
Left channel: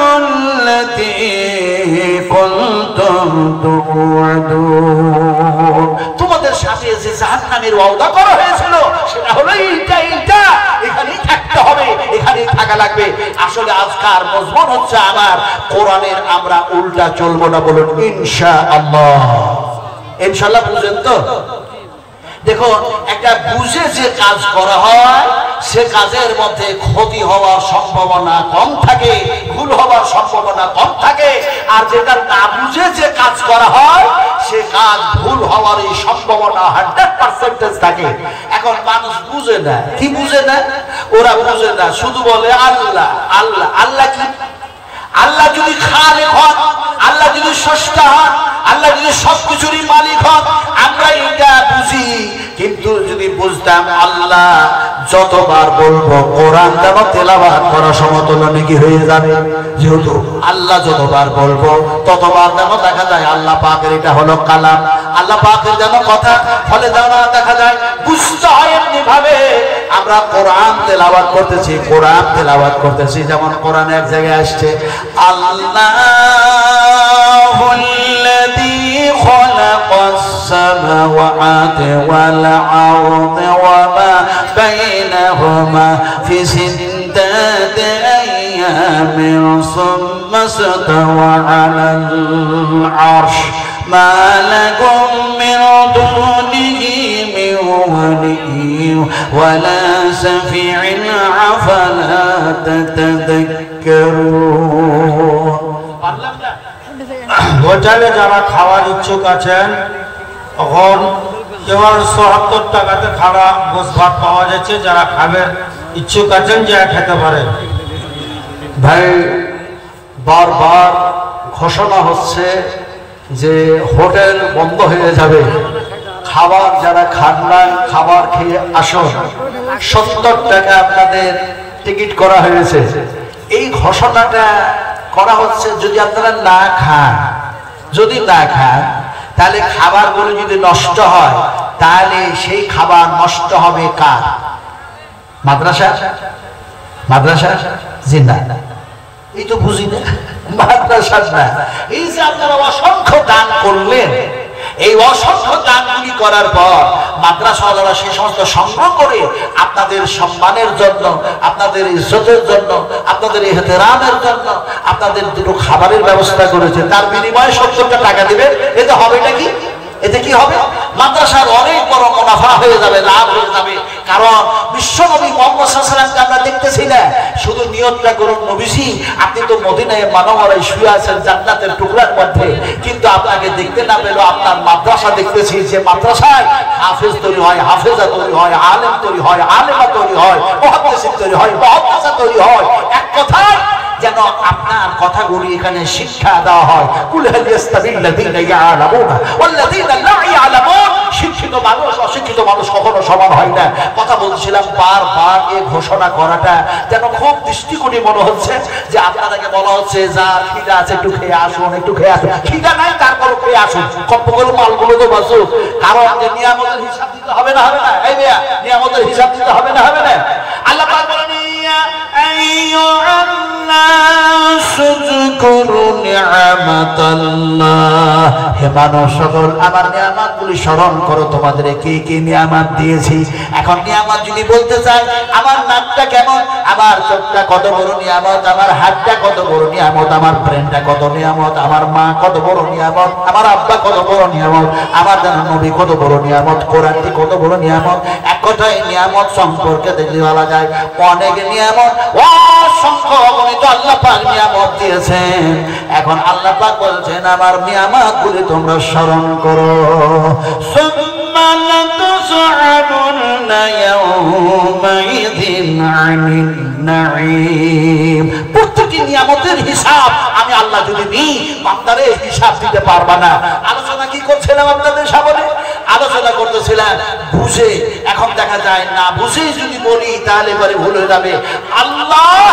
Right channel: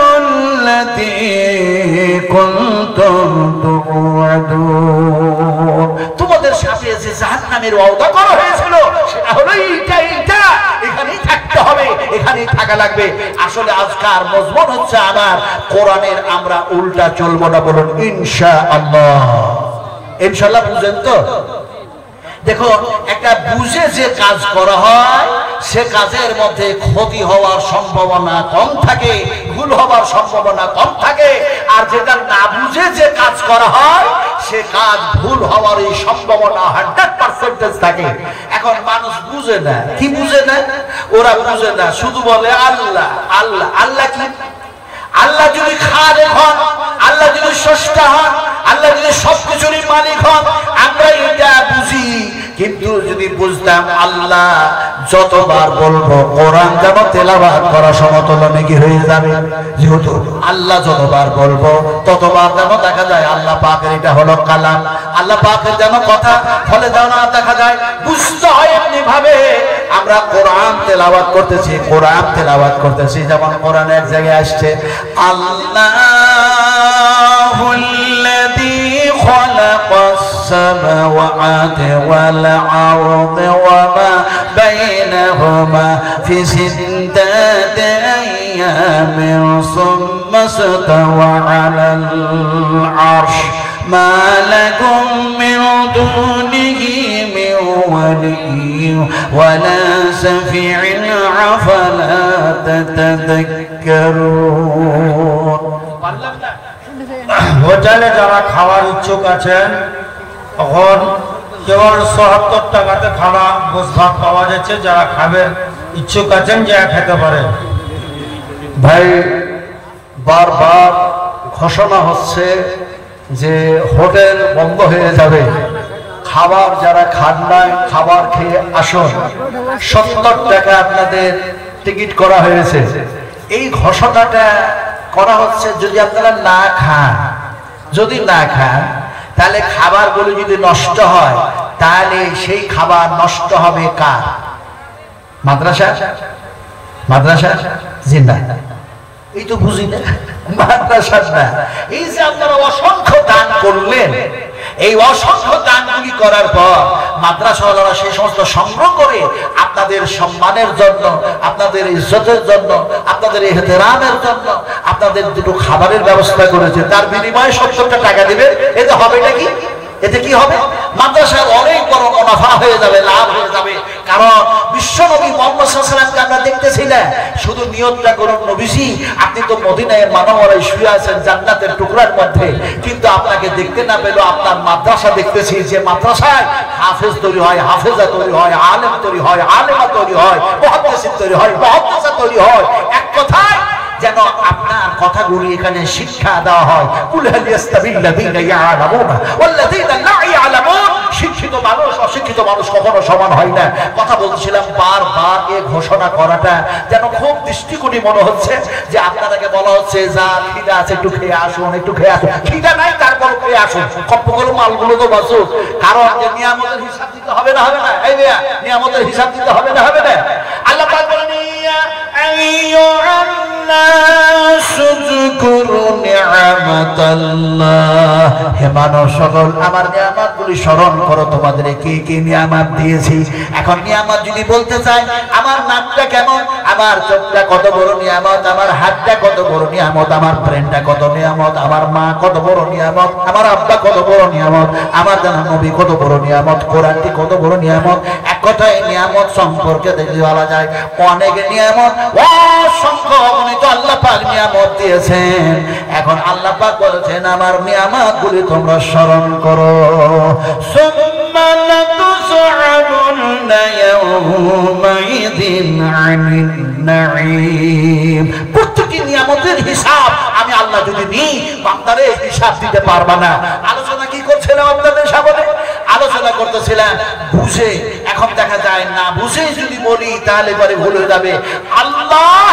কুনতুম তুআদুন। তোমাদের সাথে যে জাহান্নামের ওয়াদা করা হয়েছিল সেটা হলো এইটা, এখানেই থাকতে হবে, এখানেই থাকা লাগবে। আসলে আজকার মজমুন হচ্ছে আমার কোরআনের আমরা উল্টা চলবো না, বলুন ইনশাআল্লাহ। ইনশাআল্লাহ বুঝেন তো? দেখো, একটা বুঝে যে কাজ করা হয় সে কাজের মধ্যে ক্ষতি হওয়ার সম্ভাবনা কম থাকে, ভুল হওয়ার সম্ভাবনা কম থাকে। আর যেটা না বুঝে যে কাজ করা হয় সে কাজ ভুল হওয়ার এই সম্ভাবনা 100% থাকে। এখন মানুষ বুঝে না, কি বুঝে না? ওরা বুঝে না, শুধু বলে আল্লাহ আল্লাহ। আল্লাহ কি? আল্লাহ যদি খালেক হন, আল্লাহ যদি স্রষ্টা হন, আল্লাহ যদি সবকিছুরই মালিক হন, আমরা এটা বুঝি। কিন্তু যদি বুঝতাম আল্লাহ যতবার বলবো কোরআন যেন তেলাওয়াত করা সমতুল্য নাকি হয়ে যাবে। যেহেতু আল্লাহ যতবার বলবো ততবার যেন দেখা যায় আল্লাহ পাকের এটা হলো কালাম, আল্লাহ পাকের যেন কথা। ফলে যেন দেখা যায় বুঝতে হয় এমনি ভাবে আমরা কোরআন তেলাওয়াত করতেছি, কোরআন তেলাওয়াত করতেছি। যেমন কোরআনে এক জায়গায় আসছে আল্লাহুল্লাযী খালাকাস সামাওয়াতি ওয়াল আরদ ওয়া মা বাইনাহুমা ফি সিত্তাতি আইয়ামিন সুম্মা ইসতাওয়া আলাল আরশ মা লাকুম মিন দুনিহি মিন ওয়ালিয়্যিন ওয়া লা শাফি'in আফালা তাতাযাক্কারুন। হোটেলে যারা খাওয়ার ইচ্ছুক আছেন, এখন কেবল ৭৭ টাকাতে খানা ভোজ ভাত পাওয়া যাচ্ছে। যারা খাবেন ইচ্ছুক আছেন যা খেতে পারেন। ভাই, বারবার ঘোষণা হচ্ছে যে হোটেল বন্ধ হয়ে যাবে, খাবার যারা খান নাই খাবার খেয়ে আসুন। ৭০ টাকা আপনাদের টিকিট করা হয়েছে। এই ঘোষণাটা করা হচ্ছে যদি আপনারা না খান, যদি না খান তাহলে খাবারগুলো যদি নষ্ট হয় তাহলে সেই খাবার নষ্ট হবে কার? মাদ্রাসা? মাদ্রাসা জিন্দা, এই তো বুঝি না মাদ্রাসা না। এই যে আপনারা অসংখ্য দান করলেন, এই অসংখ্য দানগুলি করার পর মাদ্রাসাওয়ালারা সেই সমস্ত সংগ্রহ করে আপনাদের সম্মানের জন্য, আপনাদের ইজ্জতের জন্য, আপনাদের ইহতেরামের জন্য আপনাদের দুটো খাবারের ব্যবস্থা করেছে। তার বিনিময়ে ৭০ টাকা দিবেন। এতে হবে নাকি? এতে কি হবে? মাদ্রাসার অনেক বড় মুনাফা হয়ে যাবে, লাভ হয়ে যাবে। কারণ বিশ্ব নবী মুহাম্মদ সাল্লাল্লাহু আলাইহি ওয়াসাল্লামকে আমরা দেখতেছি না, শুধু নিয়তটা করুন নবীজি আপনি তো মদিনায় মানবরাই শুয়ে আছেন জান্নাতের টুকরার মধ্যে, কিন্তু আপনাকে দেখতে না পেলো আপনার মাদ্রাসা দেখতেছি, যে মাদ্রাসায় হাফেজ তৈরি হয়, হাফেজা তৈরি হয়, আলেম তৈরি হয়, আলেমা তৈরি হয়, মুহাদ্দিস তৈরি হয়, মুহাদ্দিসা তৈরি হয়। এক কথায় যেন আপনার কথাগুলি এখানে শিক্ষা দেওয়া হয়। কুল হাল ইয়াস্তাবিল্লাযীনা ইয়ালামুনা ওয়াল্লাযীনা লা ইয়ালামুন। শিক্ষিত মানুষ অশিক্ষিত মানুষ কখনো সমান হয় না। কথা বলছিলাম, বারবার এই ঘোষণা করাটা যেন খুব দৃষ্টিকোণী মনে হচ্ছে যে আপনাদেরকে বলা হচ্ছে যা খিদা আছে একটু খেয়ে আসুন, একটু খেয়ে আসুন। খিদা নাই তারপর খেয়ে আসুন, কপ্প করে মালগুলো তো বাঁচুক। কারণ যে নিয়ামতের হিসাব দিতে হবে না, হবে না? এই মিয়া, নিয়ামতের হিসাব দিতে হবে না, হবে না? আল্লাহ পাক বলেন ইয়া আইয়ুহান নাস যকুরু নি'মাতাল্লাহ। হে মানুষ সকল আমার নিয়ামতগুলি স্মরণ করো, তোমাদের কি কি নিয়ামত দিয়েছি। এখন নিয়ামত যদি বলতে চাই, আমার নাকটা কেমন, আমার চোখটা কত বড় নিয়ামত, আমার হাতটা কত বড় নিয়ামত, আমার ব্রেনটা কত নিয়ামত, আমার মা কত বড় নিয়ামত, আমার আব্বা কত বড় নিয়ামত, আমার নবী কত বড় নিয়ামত, কোরআনটি কত বড় নিয়ামত। এক কথায় নিয়ামত সম্পর্কে দেখলে বলা যায় অনেক নিয়ামত, অসংখ্য অগণিত আল্লাহ পাক নিয়ামত দিয়েছেন। এখন আল্লাহ পাক বলছেন আমার নিয়ামতগুলি তোমরা স্মরণ করো। সুম্মা লাতুসআলুন্না ইয়াওমাইযিন আনিন নাঈম। প্রত্যেকটি নিয়ামতের হিসাব আমি আল্লাহ যদি নিই, বান্দারে হিসাব দিতে পারবা না। আলোচনা কি করছিলাম আপনাদের সামনে? আলোচনা করতেছিলাম বুঝে। এখন দেখা যায় না বুঝে যদি বলি তাহলে এবারে ভুল হয়ে যাবে। আল্লাহ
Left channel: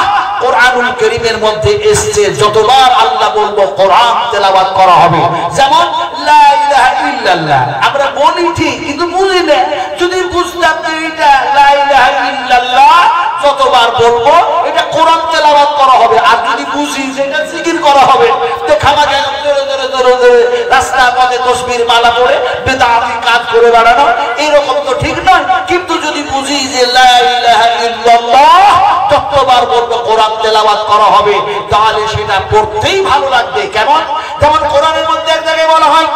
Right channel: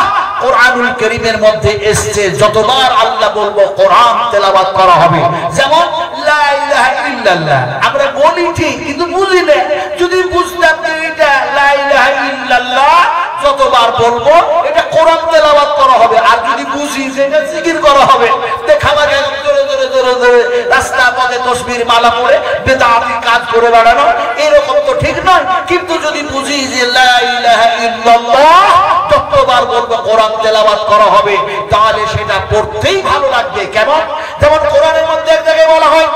কোরআনুল কারীমের মধ্যে এসেছে যতবার আল্লাহ বলবো কোরআন তেলাওয়াত করা হবে। যেমন লা ইলাহা ইল্লাল্লাহ। আমরা বলি ঠিক কিন্তু বুঝি না। যদি বুঝতাম যে এটা লা ইলাহা ইল্লাল্লাহ যতবার বলবো এটা কোরআন তেলাওয়াত করা হবে, আর যদি বুঝি যে এটা জিকির করা হবে দেখাবা গেল জোরে জোরে জোরে জোরে রাস্তা পথে তাসবির মালা পড়ে বেদাতি কাজ করে বেড়ানো, এরকম তো ঠিক নয়। কিন্তু যদি বুঝি যে লা ইলাহা ইল্লাল্লাহ যতবার বলবো কোরআন তেলাওয়াত করা হবে, তাহলে সেটা পড়তেই ভালো লাগবে। কেমন? যেমন কোরআনের মধ্যে এক জায়গায় বলা হয়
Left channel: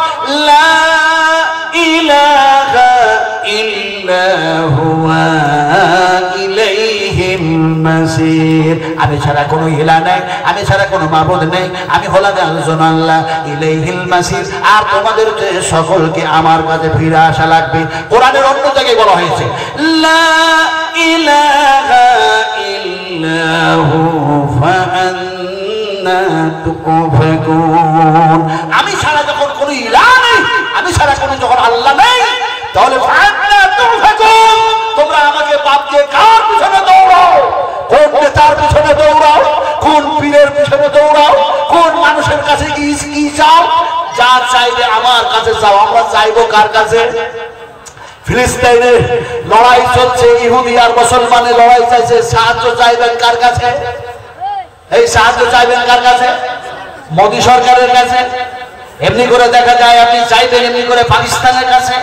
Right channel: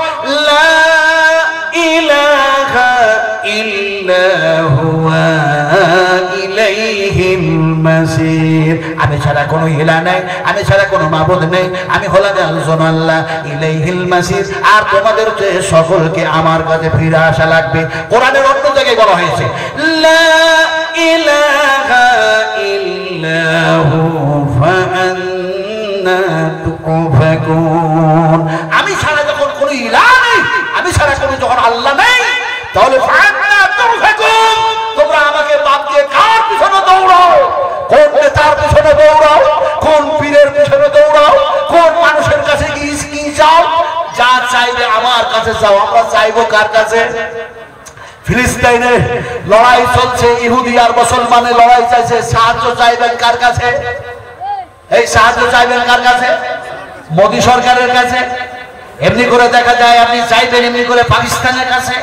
লা ইলাহা ইল্লা হুয়া ইলাইহিল মাসির। আমি ছাড়া কোনো ইলাহ নাই, আমি ছাড়া কোনো মাবুদ নেই, আমি হলাম একজন আল্লাহ। ইলাইহিল মাসির, আর তোমাদের সকলকে আমার কাছে ফিরে আসা লাগবে। কোরআনের অন্য জায়গায় বলা হয়েছে লা ইলাহা ইল্লা হু ফাআন্না তুফাকুন। আমি ছাড়া যখন কোনো ইলাহ নেই, আমি ছাড়া কোনো যখন আল্লাহ নেই, তাহলে ফাআন্না তুফাকুন, তোমরা আমাকে বাদ দিয়ে কার পিছনে দৌড়াও? কোন নেতার পিছনে দৌড়াও? কোন পীরের পিছনে দৌড়াও? কোন মানুষের কাছে কি চাও? যা চাইবে আমার কাছে চাও। আমরা চাইবো কার কাছে? ফিলিস্তিনে লড়াই চলছে, ইহুদি আর মুসলমানের লড়াই চাইছে, সাহায্য চাইবেন কার কাছে? এই সাহায্য চাইবেন কার কাছে? মোদী সরকারের কাছে। এমনি করে দেখা যায় আপনি চাইবেন এমনি করে পাকিস্তানের কাছে।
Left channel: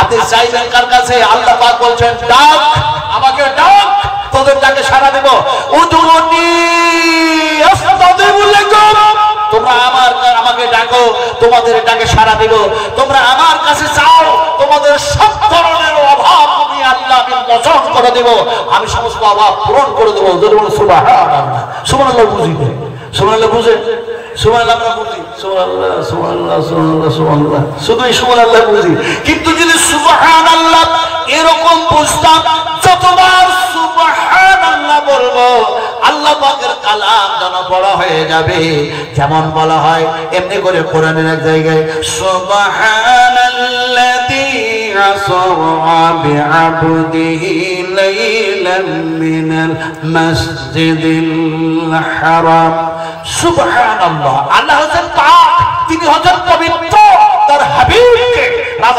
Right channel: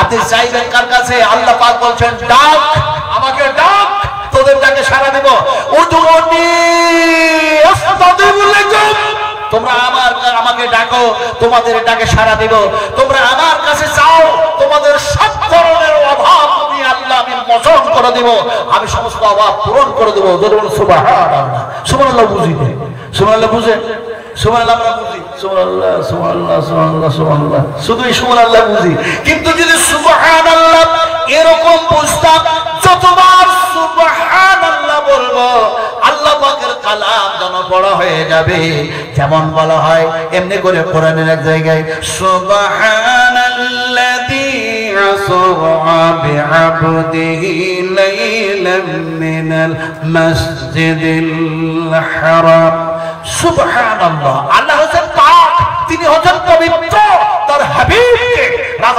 আপনি চাইবেন কার কাছে? আল্লাহ পাক বলছেন ডাক, আমাকে ডাক, তোদের ডাকে সাড়া দেব। তোমরা আমাকে ডাকো, তোমাদের ডাকে সাড়া দিব। তোমরা আমার কাছে চাও, তোমাদের সব ধরনের অভাব আমি আল্লাহ আমি মোচন করে দেব, আমি সমস্ত অভাব পূরণ করে দেবো। সুবহানাল্লাহ, সুবহানাল্লাহ বুঝিবে, সুবহানাল্লাহ বুঝে, সুবহানাল্লাহ আমরা বুঝি, সুবহানাল্লাহ সুবহানাল্লাহ সুবহানাল্লাহ সুবহানাল্লাহ, শুধুই সুবহানাল্লাহ বুঝি। কিন্তু যদি সুবহানাল্লাহ এরকম বুঝতাম, যতবার সুবহানাল্লাহ বলবো আল্লাহ পাকের কালাম যেন বড় হয়ে যাবে। যেমন বলা হয় এমনি করে কোরআনের এক জায়গায় সুবহানাল্লাযী আসরা বিআবদিহি লাইলাম মিনাল মাসজিদিল হারাম। সুবহানাল্লাহ, আল্লাহ হচ্ছেন পাক, তিনি হচ্ছেন পবিত্র। তার হাবিবকে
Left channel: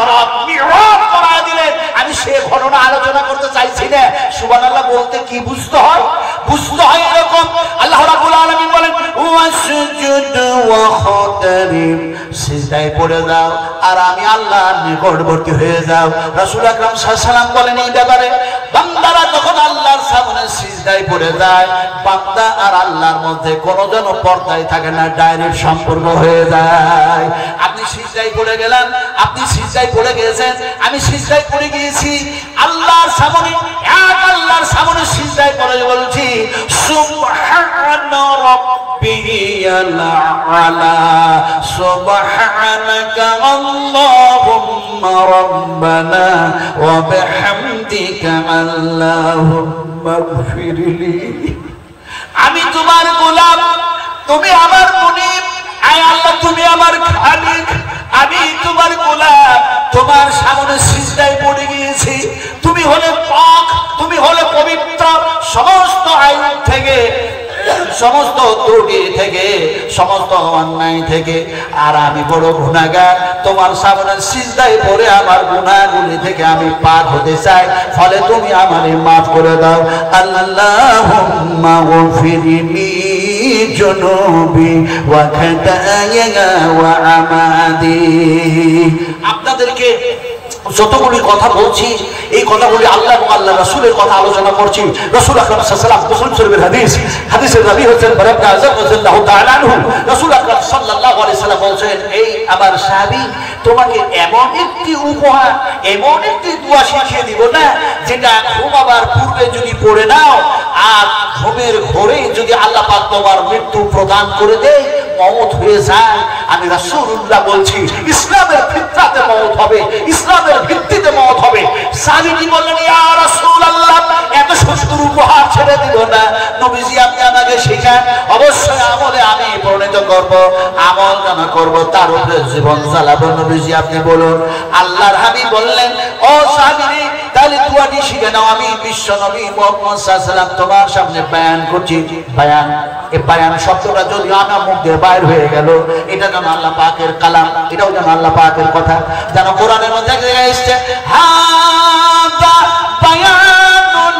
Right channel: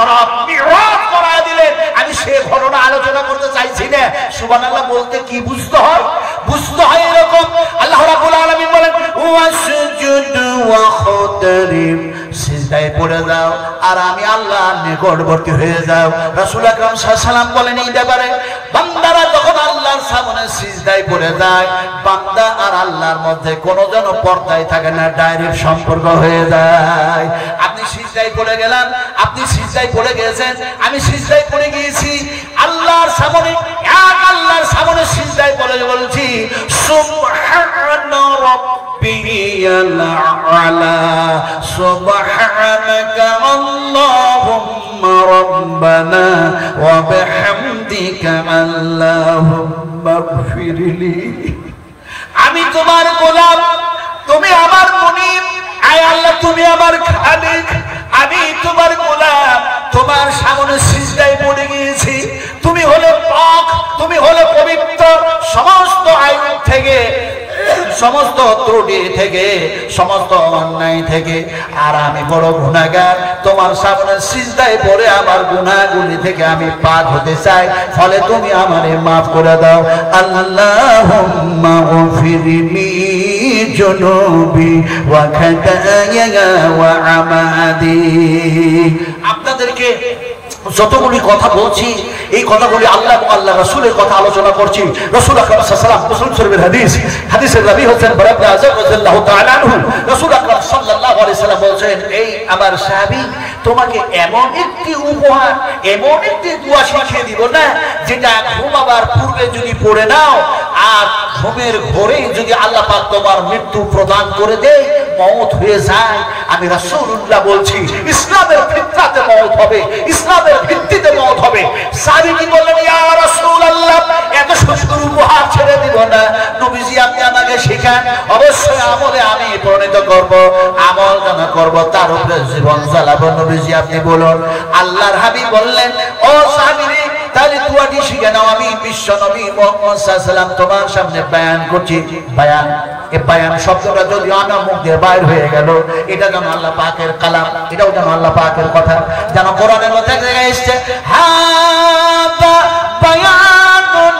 রাত মিরাজ করায় দিলেন। আমি সে ঘটনা আলোচনা করতে চাইছি না। সুবহানাল্লাহ বলতে কি বুঝতে হয়? বুঝতে হয় এরকম, আল্লাহ রাব্বুল আলামিন বলেন ওয়াসজুদ ওয়াখতারিব, সিজদায় পড়ে যাও আর আমি আল্লাহর নিকটবর্তী হয়ে যাও। রাসূল আকরাম সাল্লাল্লাহু আলাইহি ওয়াসাল্লাম বলেন এই ব্যাপারে, বান্দারা যখন আল্লাহর সামনে সিজদায় পড়ে যায়, বান্দা আর আল্লাহর মধ্যে কোনো যেন পর্দায় থাকে না, ডাইরেক্ট সম্পর্ক হয়ে যায়। আপনি সিজদায় পড়ে গেলেন, আপনি সিজদায় পড়ে গেছেন, আমি সিজদায় পড়ে গিয়েছি, আল্লাহর সামনে, এক আল্লাহর সামনে সিজদায় পড়ে বলছি সুবহানা রাব্বিয়াল আলা, সুবহানাকা আল্লাহুম্মা রাব্বানা ওয়া বিহামদিকা আল্লাহুম্মা ইগফিরলি। আমি তোমার গোলাম, তুমি আমার মুনিব, আয় আল্লাহ তুমি আমার খালিক, আমি তোমার গোলাম, তোমার সামনে সিজদায় পড়ে গিয়েছি। তুমি হলে পাক, তুমি হলে পবিত্র সমস্ত আইব থেকে, সমস্ত ত্রুটি থেকে, সমস্ত অন্যায় থেকে, আর আমি বড় গুনাহগার। তোমার সামনে সিজদায় পড়ে আমার গুনাহগুলি থেকে আমি পাক হতে চাই, ফলে তুমি আমারে মাফ করে দাও। আল্লাহুম্মা গফিরলি জুনুবি ওয়া খাতায়া ওয়া আমাদি। আপনাদেরকে যতগুলি কথা বলছি, এই কথাগুলি আল্লাহ এবং আল্লাহ রাসূলের কথা আলোচনা করছি। রাসূল আকরাম সাল্লাল্লাহু আলাইহি ওয়াসাল্লাম মুসলিম শরীফের হাদিসের রাবী হচ্ছেন বারা ইবনে আযব রাদিয়াল্লাহু তাআলা আনহু। রাসূল আকরাম সাল্লাল্লাহু আলাইহি ওয়াসাল্লাম বলেন, এই আমার সাহাবী, তোমাকে এমন একটি উপহার, এমন একটি দোয়া শিখিয়ে দিব না, যেটা ঘুমাবার পূর্বে যদি পড়ে নাও আর ঘুমের ঘোরে যদি আল্লাহ পাক তোমার মৃত্যু প্রদান করে দেয়, মওত হয়ে যায়। আমি রাসূলুল্লাহ বলছি, ইসলামের ফিতরাতে মওত হবে, ইসলামের ভিত্তিতে মওত হবে। সাহাবী বললেন, ইয়া রাসূলুল্লাহ, এত সুন্দর উপহার ছেড়ে দিব না, নবীজি আপনি আমাকে শেখান। অবশ্যই আমলে আমি পরিণত করব, আমল যেন করব, তার উপরে জীবন চালাবো। নবীজি আপনি বলুন। আল্লাহর হাবিব বললেন, ও সাহাবী, তাহলে দুয়াটি শিখে নাও। আমি বিশ্ব নবী মুহাম্মদ সাল্লাল্লাহু আলাইহি ওয়াসাল্লাম তোমার সামনে বয়ান করছি। বয়ান এই বায়ান শব্দটা যদি আমার মুখ দিয়ে বাইর হয়ে গেল, এটা যেন আল্লাহ পাকের কালাম, এটাও যেন আল্লাহ পাকের কথা, যেন কোরআনের মধ্যে জায়গায় এসেছে হাদা বায়ানুল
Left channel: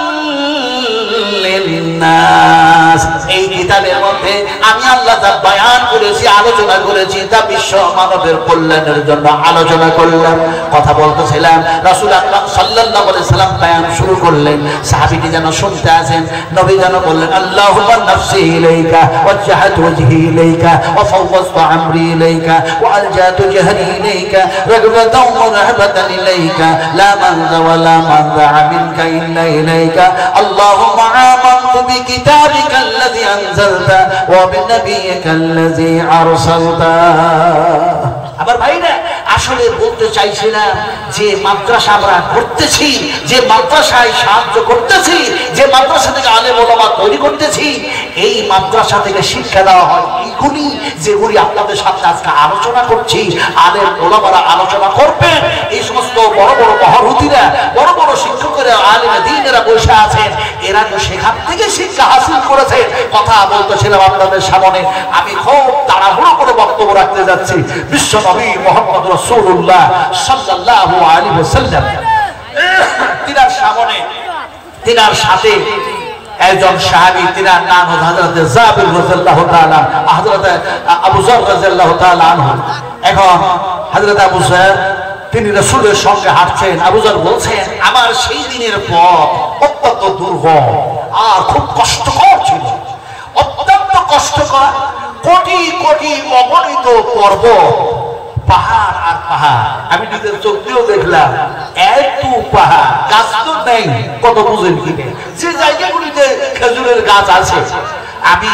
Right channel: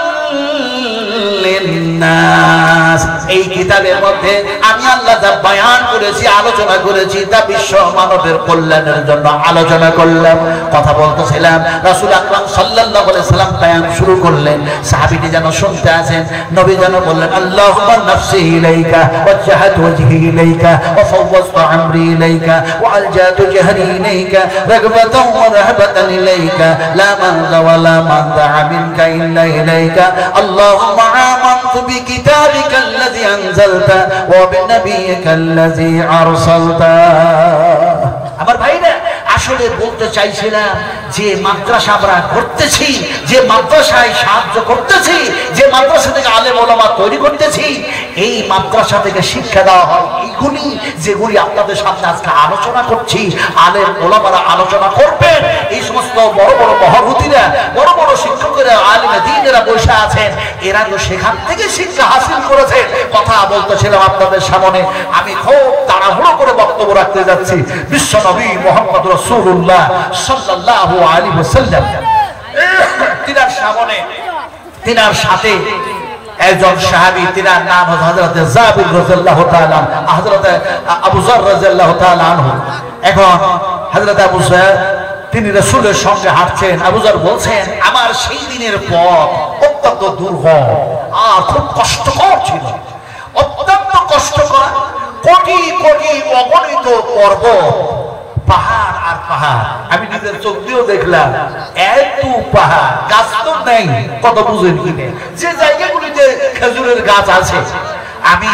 লিন্নাস। এই কিতাবের মধ্যে আমি আল্লাহ যা বায়ান করেছি, আলোচনা করেছি, তা বিশ্ব মানবের কল্যাণের জন্য আলোচনা করলাম, কথা বলতেছিলাম। রাসূল আকরাম সাল্লাল্লাহু আলাইহি সাল্লাম বায়ান শুরু করলেন, সাহাবীটি যেন শুনতে আছেন। নবী যেন বললেন আল্লাহুম্মা নাফসি ইলাইকা ওয়াজহাতু ওয়াজহি ইলাইকা ওয়া ফাওয়াযতু আমরি ইলাইকা ওয়া আলজাতু জাহরি ইলাইকা রাগবাতাও ওয়া রাহবাতান ইলাইকা লা মানযা ওয়া লা মানযা মিনকা ইল্লা ইলাইকা আল্লাহুম্মা আমানতু বিকিতাবিকা আল্লাযী আনজালতা ওয়া বিনাবিয়িকা আল্লাযী আরসালতা। আমার ভাইরা, আসলে বলতে চাইছিলাম যে মাদ্রাসা আমরা করতেছি, যে মাদ্রাসায় সাহায্য করতেছি, যে মাদ্রাসা থেকে আলেম ওলামা তৈরি করতেছি, এই মাদ্রাসা থেকে শিক্ষা দেওয়া হয় এইগুলি যেগুলি আপনাদের সাথে আজকে আলোচনা করছি। আলেম ওলামারা আলোচনা করবেন, এই সমস্ত বড় বড় মহারথীরা, বড় বড় শিক্ষকেরা, আলেম দ্বীনেরা বসে আছেন, এরা তো সেখান থেকে শিক্ষা হাসিল করেছেন। কথা বলতেছিলাম আপনাদের সামনে, আমি খুব তাড়াহুড়ো করে বক্তব্য রাখতে যাচ্ছি। বিশ্ব নবী মুহাম্মদ রাসূলুল্লাহ সাল্লাল্লাহু আলাইহি ওয়াসাল্লাম তিনার সামনে, তিনার সাথে একজন সাহাবী, তিনার নাম হযরত জাবির রাদিয়াল্লাহু তাআলা, হযরত আবু যর রাদিয়াল্লাহু তাআলা আনহু। এখন হযরত আবু যর তিনি রাসূলের সঙ্গে হাঁটছেন। আবু যর বলছেন, আমার সেই দিনের পথ অত্যন্ত দুর্গম আর খুব কষ্টকর ছিল, অত্যন্ত কষ্টকর। কোটি কোটি অগণিত পর্বত, পাহাড় আর পাহাড়, আমি নিজের চোখ দিয়েও দেখলাম। এত পাহাড়, গাছ তো নেই, কত বুঝেন কিনে যে জায়গাগুলিতে খেজুরের গাছ আছে, আমি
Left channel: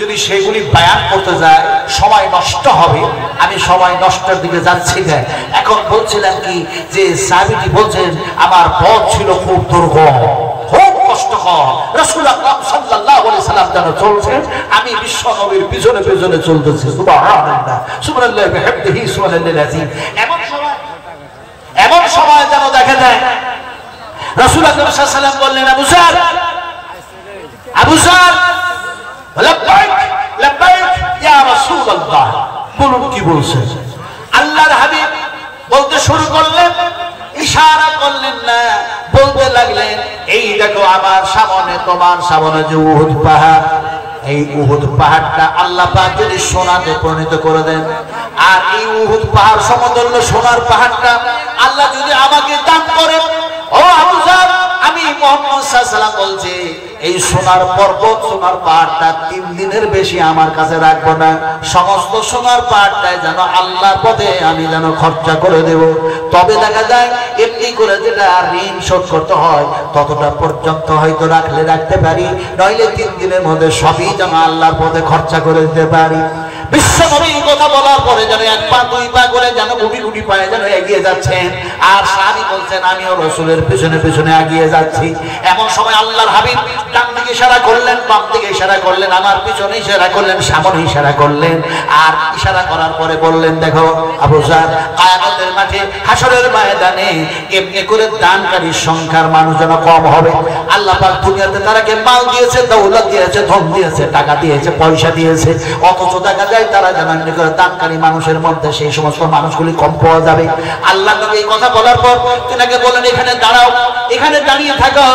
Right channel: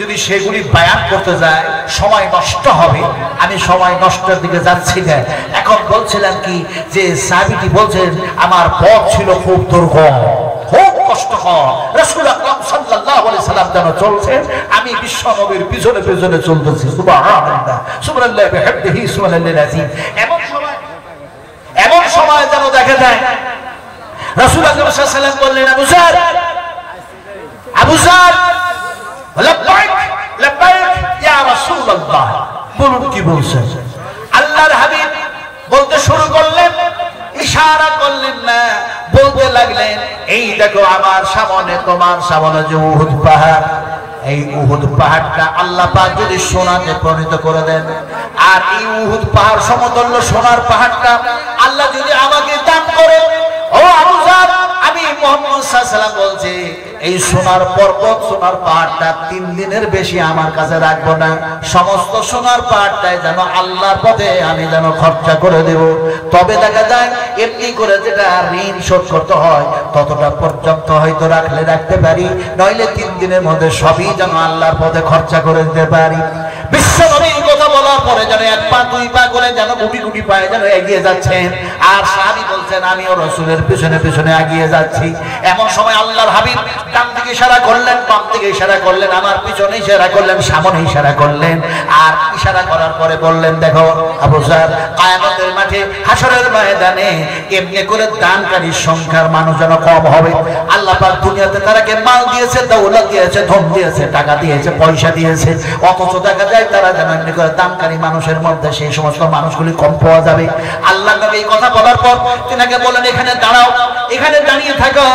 যদি সেগুলি বায়ান করতে যাই সময় নষ্ট হবে। আমি সময় নষ্টের দিকে যাচ্ছি না। এখন বলছিলাম কি, যে সাহাবীটি বলছেন আমার পথ ছিল খুব দুর্গম, খুব কষ্টকর। রাসূল আকরাম সাল্লাল্লাহু আলাইহি সাল্লাম যেন চলছেন, আমি বিশ্ব নবীর পিছনে পিছনে চলতেছি। সুবহানাল্লাহ, সুবহানাল্লাহি ওয়া বিহামদিহি, সুবহানাল্লাহিল আযীম। এমন সময় যেন দেখা যায় রাসূল আকরাম সাল্লাল্লাহু আলাইহি সাল্লাম বললেন, আবু যর, আবু যর, লাব্বাইক লাব্বাইক ইয়া রাসূলুল্লাহ। বলুন কি বলছেন? আল্লাহর হাবিব বলতে শুরু করলেন, ইশারা করলেন না, বলতে লাগলেন, এই দেখো আমার সামনে, তোমার সামনে যে উহুদ পাহাড়, এই উহুদ পাহাড়টা আল্লাহ পাক যদি সোনাতে পরিণত করে দেন, আর এই উহুদ পাহাড় সমতুল্য সোনার পাহাড়টা আল্লাহ যদি আমাকে দান করেন, ও আবু যর, আমি মুহাম্মদ সাল্লাল্লাহু আলাইহি ওয়াসাল্লাম বলছি, এই সোনার পর্বত, সোনার পাহাড়টা 3 দিনের বেশি আমার কাছে রাখবো না। সমস্ত সোনার পাহাড়টাই যেন আল্লাহর পথে আমি যেন খরচা করে দেব। তবে দেখা যায় এমনি করে যেটা ঋণ শোধ করতে হয় ততটা পর্যন্ত হয়তো রাখলে রাখতে পারি, নইলে 3 দিনের মধ্যে সবই যেন আল্লাহর পথে খরচা করে দিতে পারি। বিশ্বনবী এই কথা বলার পরে যেন 1 পা 2 পা করে যেন গুটি গুটি পায়ে যেন এগিয়ে যাচ্ছেন, আর সাহাবী বলছেন আমিও রাসূলের পিছনে পিছনে এগিয়ে যাচ্ছি। এমন সময় আল্লাহর হাবিব ডান দিকে ইশারা করলেন, বাম দিকে ইশারা করলেন, আমার পিছনে ইশারা করলেন, সামনে ইশারা করলেন, আর ইশারা করার পরে বললেন, দেখো আবু যর, কিয়ামতের মাঠে, হাসরের ময়দানে এমনি করে দানকারীর সংখ্যার মানুষ যেন কম হবে। আল্লাহ পাক দুনিয়াতে তারাকে মাল দিয়েছে, দৌলত দিয়েছে, ধন দিয়েছে, টাকা দিয়েছে, পয়সা দিয়েছে, অথচ দেখা যায় তারা যেন এমনি করে দানকারী মানুষের মধ্যে সেই সমস্ত মানুষগুলি কম পাওয়া যাবে। আল্লাহ নবী এই কথা বলার পর তিনাকে বলেন, এখানে দাঁড়াও, এখানে দাঁড়িয়ে থাকো,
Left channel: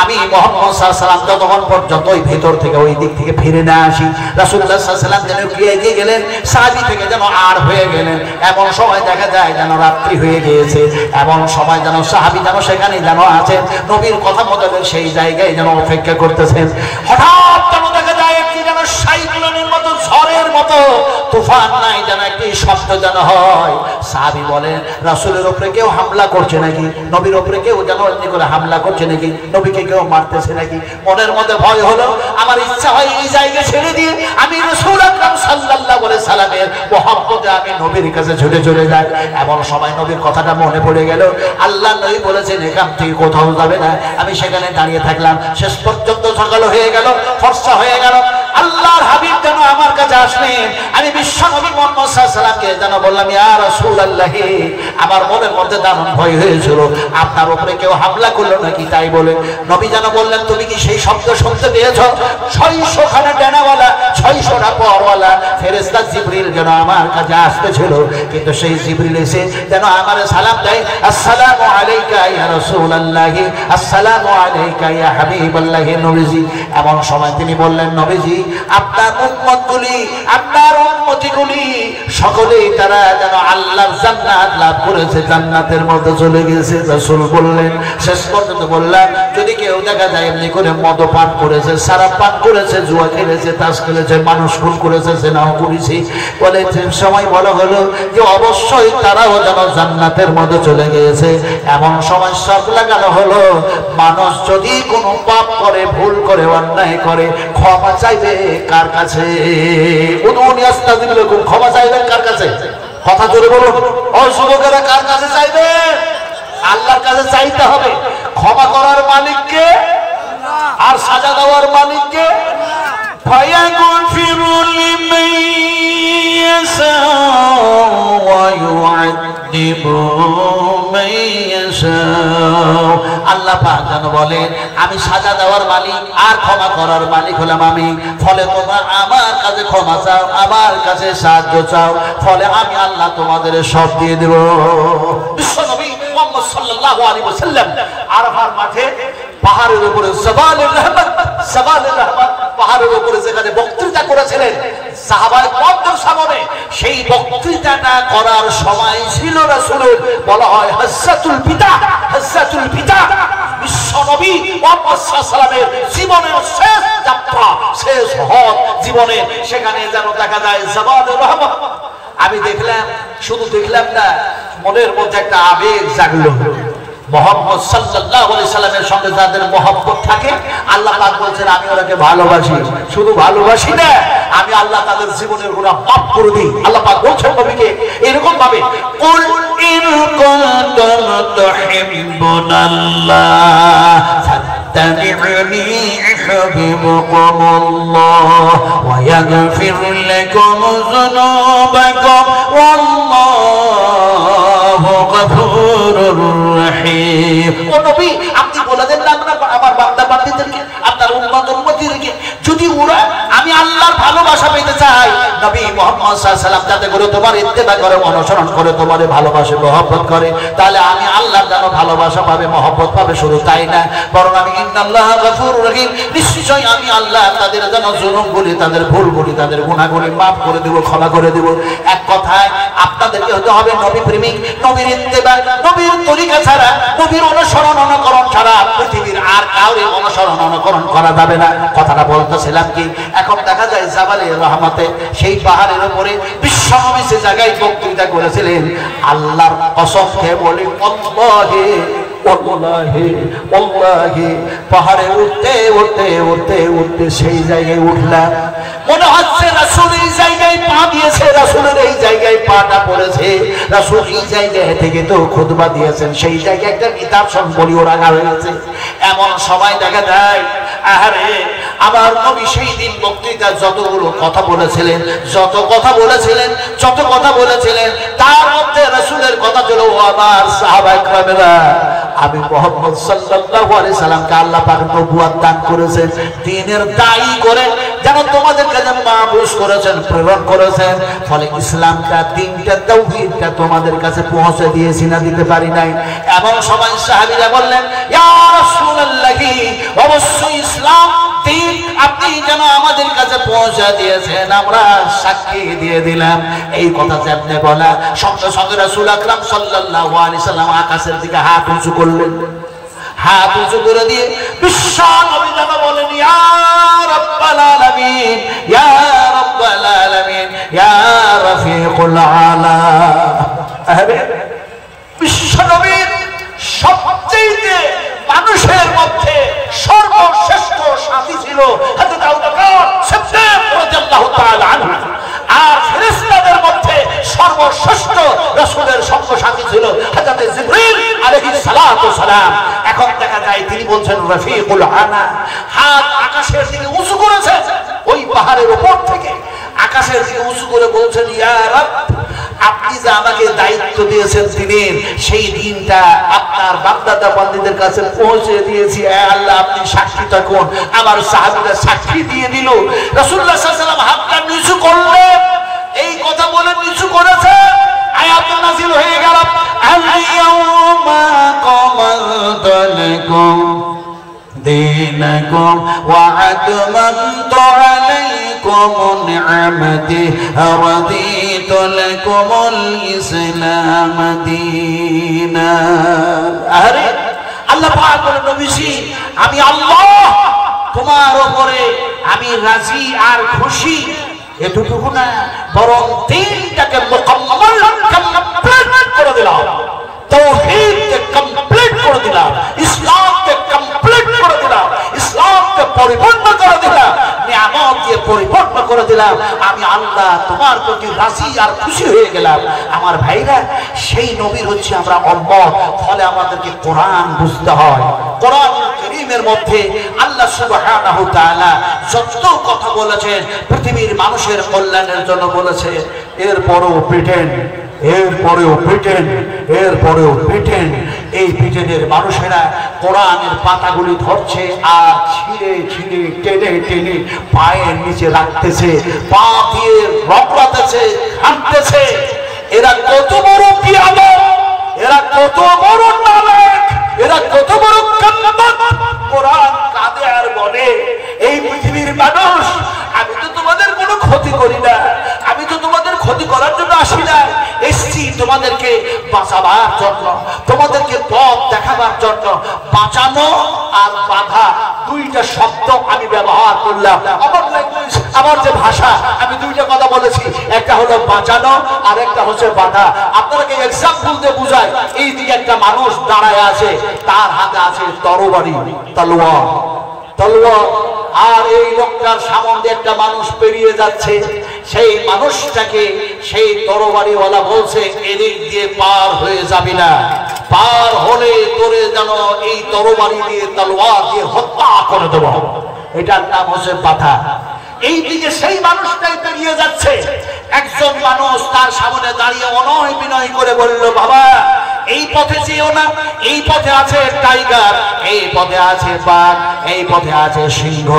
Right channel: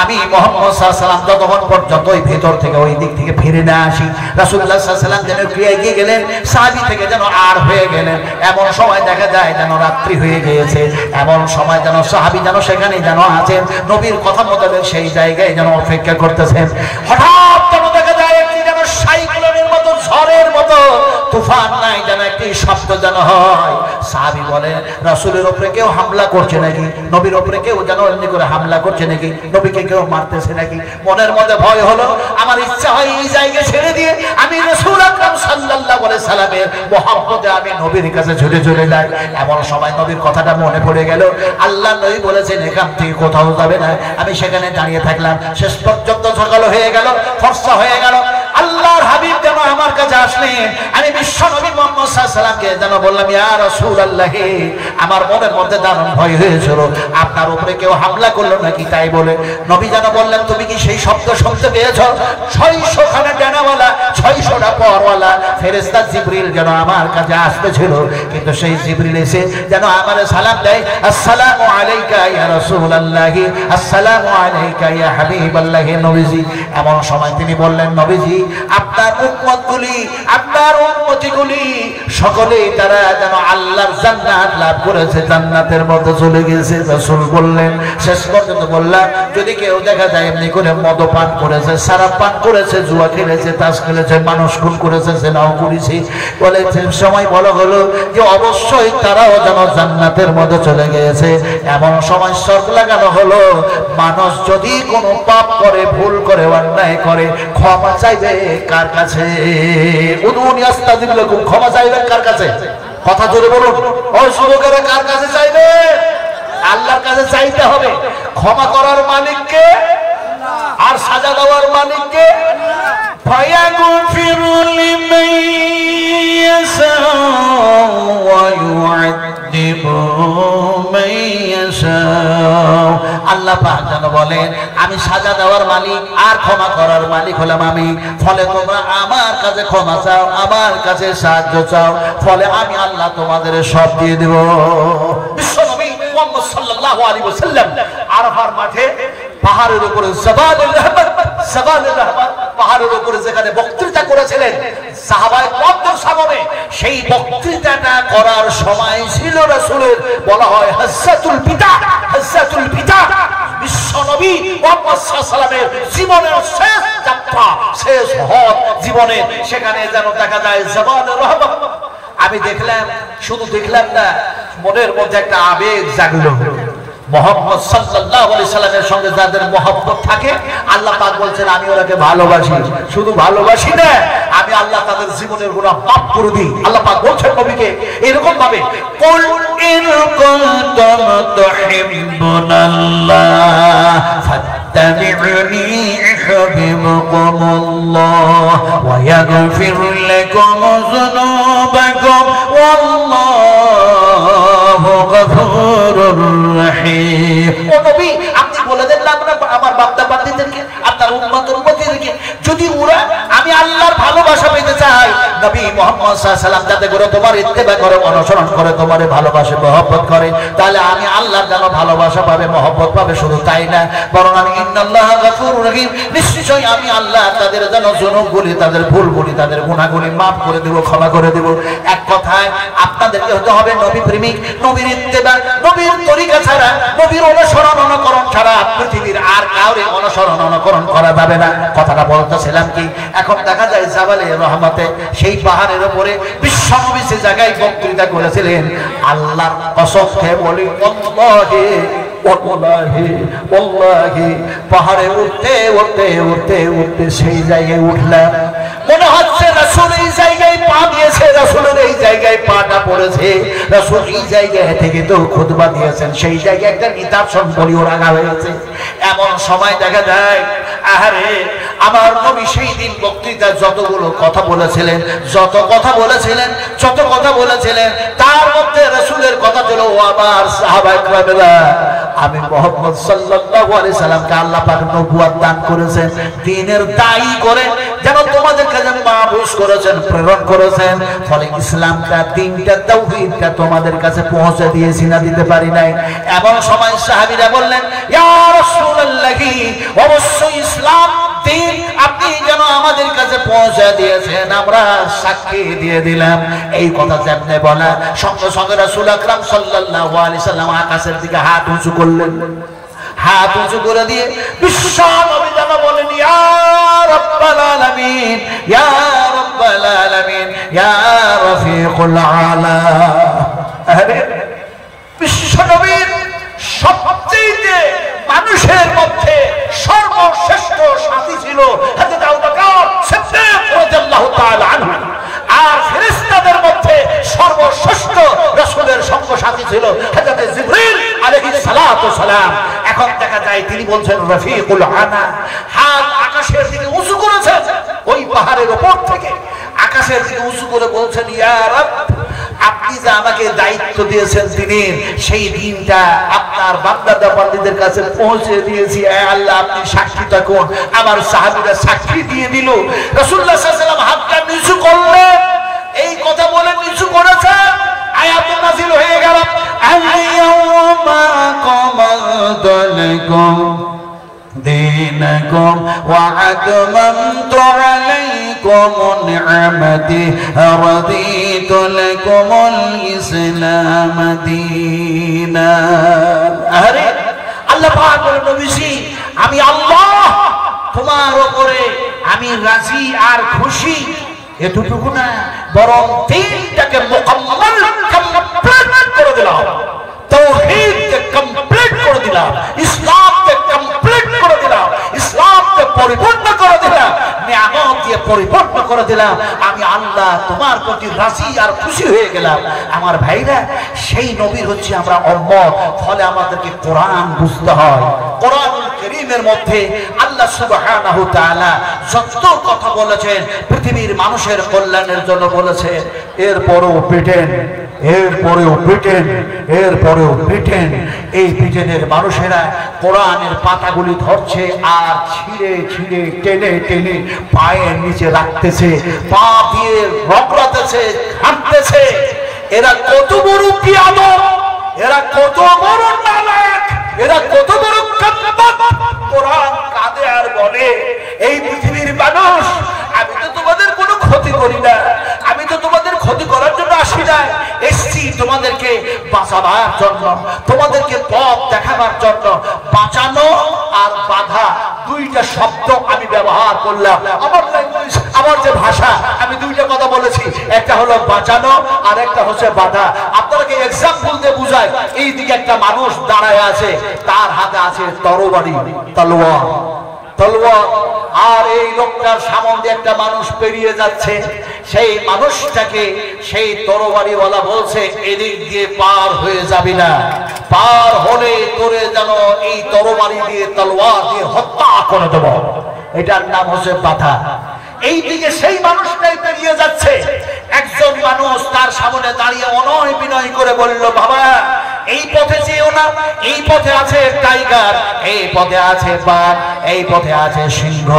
আমি মুহাম্মদ সাল্লাল্লাহু আলাইহি ওয়াসাল্লাম যতক্ষণ পর্যন্ত ওই ভিতর থেকে ওই দিক থেকে ফিরে না আসি। রাসূলুল্লাহ সাল্লাল্লাহু আলাইহি ওয়াসাল্লাম যেন এগিয়ে গেলেন, সাহাবী থেকে যেন আর হয়ে গেলেন। এমন সময় দেখা যায় যেন রাত্রি হয়ে গিয়েছে, এমন সময় যেন সাহাবী যেন সেখানেই যেন আছেন, নবীর কথা মতো সেই জায়গায় যেন অপেক্ষা করতেছেন। হঠাৎ যেন দেখা যায় একটি যেন সাইক্লোনের মতো, ঝড়ের মতো, তুফান নাই, যেন একটি শব্দ যেন হয়। সাহাবী বলে, রাসূলের উপরে কেউ হামলা করছে নাকি? নবীর উপরে কেউ যেন এমনি করে হামলা করছে নাকি? নবীকে কেউ মারতেছে নাকি? মনের মধ্যে ভয় হলো। আমার ইচ্ছা হয় এই জায়গা ছেড়ে দিয়ে আমি রাসূল আকরাম সাল্লাল্লাহু আলাইহি সাল্লামের মহব্বতে আমি নবীর কাছে ছুটে চলে যাই। এমন সময় নবীর কথাটা মনে পড়ে গেল। আল্লাহ নবী বলেছেন, এখান থেকে কোথাও যাবে না। আমি সেখানে দাঁড়িয়ে থাকলাম, শেষ পর্যন্ত সকাল হয়ে গেল, ফর্সা হয়ে গেল। আল্লাহর হাবিব যেন আমার কাছে আসলেন, আমি বিশ্ব নবী মুহাম্মদ সাল্লাল্লাহু আলাইহি ওয়াসাল্লামকে যেন বললাম, ইয়া রাসূলুল্লাহ, আমার মনের মধ্যে দারুণ ভয় হয়েছিল, আপনার উপরে কেউ হামলা করলো নাকি তাই বলে। নবী যেন বললেন, তুমি কি সেই শব্দ শুনতে পেয়েছো? 600 খানা ডানাওয়ালা 600টা পরওয়ালা ফেরেশতা জিবরিল যেন আমার কাছে আসতেছিল, কিন্তু সেই জিবরিল এসে যেন আমার সালাম দেয়, আসসালামু আলাইকা ইয়া রাসূলুল্লাহ, আসসালামু আলাইকা ইয়া হাবিবাল্লাহ নবীজি। এমন সময় তিনি বললেন, নবীজি, আপনার উম্মতগুলি, আপনার উম্মতিগুলি সকলেই তারা যেন আল্লাহর জান্নাত লাভ করেছে, জান্নাতের মধ্যে চলে গেছে। রাসূল বললেন, শেষ পর্যন্ত বললাম, যদি কেউ দেখা যায় এমনি করে মদ পান করেছে, সারাপ পান করেছে, জুয়া খেলেছে, তাস খেলেছে, মানুষ খুন করেছে, জেনাও করেছে, বলে সময় বলা হলো যে অবশ্যই তারাও যেন জান্নাতের মধ্যে চলে গিয়েছে। এমন সময় শর্ত লাগানো হলো, মানুষ যদি কোনো পাপ করে, ভুল করে, অন্যায় করে, ক্ষমা চাইবে কার কাছে? উদুনি আস্তাগফিরুল্লাহ, ক্ষমা চাইবে কার কাছে? কথা জোরে বলুন, ও যুবকেরা, কার কাছে চাইবে? আল্লাহর কাছে চাইতে হবে। ক্ষমা করার মালিককে আর সাজা দেওয়ার মালিককে। ফায়াগফিরু লিমান ইয়াশাউ ওয়া ইউআযযিবু মান ইয়াশাউ। আল্লাহ পাক যেন বলেন, আমি সাজা দেওয়ার মালিক আর ক্ষমা করার মালিক হলাম আমি। ফলে তোমরা আমার কাছে ক্ষমা চাও, আমার কাছে সাহায্য চাও, ফলে আমি আল্লাহ তোমাদের সব দিয়ে দেব। বিশ্বনবী মুহাম্মদ সাল্লাল্লাহু আলাইহি ওয়াসাল্লাম আরাফার মাঠে পাহাড়ের উপরে জাবালুর রহমত, জাবালুর রহমত পাহাড়ের উপরে যেখানে বক্তৃতা করেছিলেন সাহাবায়ে কেরামদের সামনে, সেই বক্তৃতাটা করার সময় ছিল রাসূলের, বলা হয় হাজ্জাতুল বিদা, হাজ্জাতুল বিদা। বিশ্বনবী মুহাম্মদ সাল্লাল্লাহু আলাইহি ওয়াসাল্লামের জীবনের শেষ যাত্রা, শেষ হজ জীবনে, সেখানে যেন দেখা যায় জাবালুর রহমত। আমি দেখলাম, শুধু দেখলাম না, মনের মধ্যে একটা আবেগ জাগলো। মুহাম্মদ সাল্লাল্লাহু আলাইহি সাল্লামের সঙ্গে যাদের মহব্বত থাকে, আল্লাহ পাক বলছেন, আমি ওনাকে ভালোবাসি। শুধু ভালোবাসি না, আমি আল্লাহ তাদের জীবনের গুনাহ মাফ করে দিই। আল্লাহ পাক বলছেন নবীকে এরকম ভাবে, কুল ইন কুনতুম তুহিব্বুনাল্লাহ ফাত্তাবিউনি ইউহিব্বুকুমুল্লাহ ওয়া ইয়াগফির লাকুম যুনুবাকুম ওয়াল্লাহু গফুরুর রাহিম। ও নবী, আপনি বলে দেন না আমার বাপ্তা বান্দিদেরকে, আপনার উম্মতদেরকে, যদি ওরা আমি আল্লাহর ভালোবাসা পেতে চাই, নবী মুহাম্মদ সাল্লাল্লাহু আলাইহি সাল্লাম যাতে করে তোমার ইত্তেবা করে, অনুসরণ করে, তোমারে ভালোবাসে, মহব্বত করে, তাহলে আমি আল্লাহর যেন ভালোবাসা পাবে, মহব্বত পাবে। শুধু তাই না, বরং আমি ইন্নাল্লাহা গফুরুর রহিম, নিশ্চয়ই আমি আল্লাহ তাদের যেন জুনুবগুলি, তাদের ভুলগুলি, তাদের গুনাহগুলি মাফ করে দেব, ক্ষমা করে দেব। এক কথায় আপনাদেরকে হতে হবে নবী প্রেমিক, নবীর ইত্তেবা, নবীর তরিকা ছাড়া, নবীর অনুসরণ অনুকরণ ছাড়া পৃথিবীর আর কাউরে অনুসরণ অনুকরণ করা যাবে না। কথাটা বলতেছিলাম কি, এখন দেখা যায় জাবালে রহমতে, সেই পাহাড়ের উপরে বিশ্বনবী যে জায়গায় বক্তৃতা করেছিলেন, আল্লাহর কসম খেয়ে বলি, ওয়াল্লাহি ওয়াল্লাহি ওয়াল্লাহি, পাহাড়ে উঠতে উঠতে উঠতে উঠতে সেই জায়গায় উঠলাম, মনে হচ্ছে রাসূল এই জায়গায় পা দিয়েছে, রাসূলের এই জায়গায় পাটা পড়েছে, রাসূল এই জায়গা থেকে তো খুতবা দিয়েছেন, সেই জায়গায় একটা নিদর্শন বলিও রাখা হয়েছে। এমন সময় দেখা যায়, আহারে আমার নবী সেই দিন বক্তৃতা যতগুলো কথা বলেছিলেন, যত কথা বলেছিলেন, যত কথা বলেছিলেন, তার মধ্যে রাসূলের কথা ছিল, ও আমার সাহাবায়ে কেরামেরা, আমি মুহাম্মদ সাল্লাল্লাহু আলাইহি সাল্লামকে আল্লাহ পাক নবুয়ত দান করেছেন, দ্বীনের দায়ী করে যেন তোমাদের কাছে মাবুস করেছেন, প্রেরণ করেছেন। ফলে ইসলামটা, দ্বীনটা, তাওহীদটা তোমাদের কাছে পৌঁছে দিয়েছি না দিতে পারি নাই? এমন সময় সাহাবীরা বললেন, ইয়া রাসূলুল্লাহ, অবশ্যই ইসলাম দ্বীন আপনি যেন আমাদের কাছে পৌঁছে দিয়েছেন, আমরা সাক্ষী দিয়ে দিলাম। এই কথা যেমনে বলা, সঙ্গে সঙ্গে রাসূল আকরাম সাল্লাল্লাহু আলাইহি সাল্লাম আকাশের দিকে হাত উঁচু করলেন। হাত উঁচু করে দিয়ে বিশ্ব নবী যেন বলেন, ইয়া রাব্বাল আলামিন, ইয়া রাব্বাল আলামিন, ইয়া রাফিকুল আলা। বিশ্ব নবীর সবচেয়ে মানুষের মধ্যে সর্বশ্রেষ্ঠ সাথী ছিল হযরত আবু বকর সিদ্দিক রাদিয়াল্লাহু তাআলা আনহু, আর ফেরেশতাদের মধ্যে সর্বশ্রেষ্ঠ রাসূলের সঙ্গ সাথী ছিল হযরত জিবরিল আলাইহিস সালাতু সালাম। এখন দেখা যায় তিনি বলছেন রফিকুল আনা, হাত আকাশের দিকে উঁচু করেছেন। ওই পাহাড়ের উপর থেকে আকাশের দিকে উঁচু করে বলছেন, ইয়া রাব, আপনি যে আমাকে দায়িত্ব দিয়েছেন দিনের, সেই দিনটা আপনার বান্দা বান্দীদের কাছে পৌঁছে দিয়েছি। আল্লাহ আপনি সাক্ষী থাকুন। আমার সাহাবীরা সাক্ষী দিয়ে দিল। রাসূলুল্লাহ সাল্লাল্লাহু আলাইহি ওয়াসাল্লাম হাতটা নিচু করলেন, এই কথা বলে নিচু করেছে, আয়াত নাযিল হয়ে গেল, আল-ইয়াওমা কামালতু লাকুম দীনাকুম ওয়া আতমামতু আলাইকুম নি'মাতি ওয়া রাদিতু লাকুমুল ইসলাম দীনা। আরে আল্লাহ পাক বলেন, নবীজি আমি আল্লাহ তোমার উপরে আমি রাজি আর খুশি। এতটুকু না, বরং দিনটাকে মুকাম্মাল কমপ্লিট করে দিলাম, তাওহীদকে কমপ্লিট করে দিলাম, ইসলামকে কমপ্লিট করে দিলাম, ইসলামকে পরিপূর্ণ করে দিলাম, নিয়ামত দিয়ে পরিপূর্ণ করে দিলাম। আমি আল্লাহ তোমার প্রতি রাজি আর খুশি হয়ে গেলাম। আমার ভাইরা, সেই নবীর হচ্ছে আমরা উম্মত, ফলে আমাদেরকে কোরআন বুঝতে হয়। কোরআন কারীমের মধ্যে আল্লাহ সুবহানাহু ওয়া তাআলা যত কথা বলেছেন পৃথিবীর মানুষের কল্যাণের জন্য বলেছেন। এরপরেও পিটেন, এরপরেও পিটেন, এরপরেও পিটেন। এই পিটেনের মানুষেরা কোরআনের পাতাগুলি ধরছে আর ছিঁড়ে ছিঁড়ে টেনে টেনে পায়ের নিচে রাখতেছে, পা দিয়ে রগড়াতেছে, ঘাঁটতেছে। এরা কত বড় বিয়াদব, এরা কত বড় নালায়েক, এরা কত বড় কান্নাত। কোরআন কাঁদে আর বলে, এই পৃথিবীর মানুষ, আমি তো তোমাদের কোনো ক্ষতি করি না, আমি তো তোমাদের ক্ষতি করার জন্য আসি না, এসছি তোমাদেরকে বাঁচাবার জন্য, তোমাদেরকে পথ দেখাবার জন্য। বাঁচানো আর বাধা দুইটা শব্দ আমি ব্যবহার করলাম। আমার ল্যাঙ্গুয়েজ, আমার যে ভাষা, আমি দুইটা কথা বলেছি, একটা হলো বাঁচানো আর একটা হচ্ছে বাধা। আপনাকে এক্সাম্পল দিয়ে বুঝাই। এই দিকে একটা মানুষ দাঁড়ায় আছে, তার হাতে আছে তরবারি, তলোয়ার, তলোয়ার। আর এই লোকটার সামনে দিয়ে একটা মানুষ পেরিয়ে যাচ্ছে। সেই মানুষটাকে সেই তরবারিওয়ালা বলছে, এদিক দিয়ে পার হয়ে যাবি না, পার হলে তোরে যেন এই তরবারি দিয়ে, তলোয়ার দিয়ে হত্যা করে দেব। এটার নাম হচ্ছে বাধা। এই দিকে সেই মানুষটাই পেরিয়ে যাচ্ছে। একজন মানুষ তার সামনে দাঁড়িয়ে অনয় বিনয় করে বলল, বাবা এই পথে যেও না, এই পথে আছে টাইগার, এই পথে আছে বাঘ, এই পথে আছে সিংহ,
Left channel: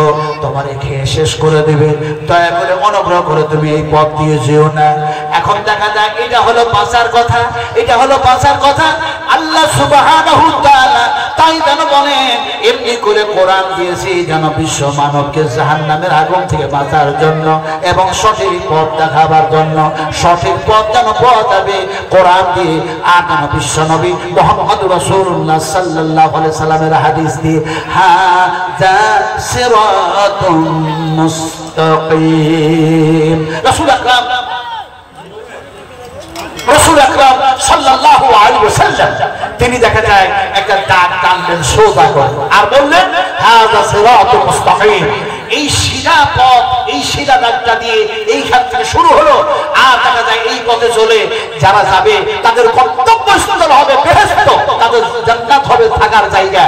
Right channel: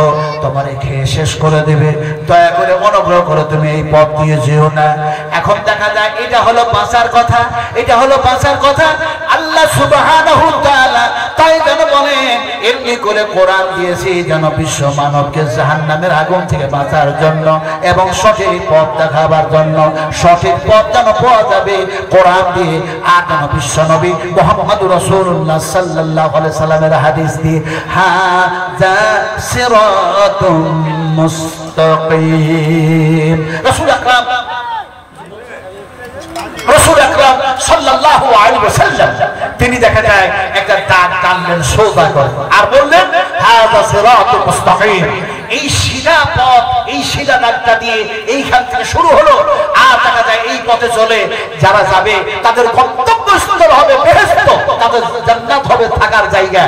তোমারে খেয়ে শেষ করে দিবে, দয়া করে অনুগ্রহ করে তুমি এই পথ দিয়ে যেও না। এখন দেখা যায় এটা হলো বাঁচার কথা, এটা হলো বাঁচার কথা। আল্লাহ সুবহানাহু ওয়া তাআলা তাই যেন বলেন, এমনি করে কোরআন দিয়েছি যেন বিশ্ব মানবকে জাহান্নামের আগুন থেকে বাঁচার জন্য এবং সঠিক পথ দেখাবার জন্য। সঠিক পথ যেন পাওয়া যাবে কোরআন দিয়ে। আর যেন বিশ্ব নবী মুহাম্মদুর রাসূলুল্লাহ সাল্লাল্লাহু আলাইহি সাল্লামের হাদিস দিয়ে, হাযা সিরাতুম মুস্তাকিম। রাসূল আকরাম সাল্লাল্লাহু আলাইহি ওয়াসাল্লাম তিনি দেখা যায় একটা দাগ টানলেন সোজা করে আর বললেন, হাযা সিরাতুম মুস্তাকিম। এই সিধা পথ, এই সিধা দাগটা দিয়ে এইখান থেকে শুরু হলো। আর দেখা যায় এই পথে চলে যারা যাবে তাদের গন্তব্যস্থল হবে বেহেশত, তাদের জান্নাত হবে থাকার জায়গা।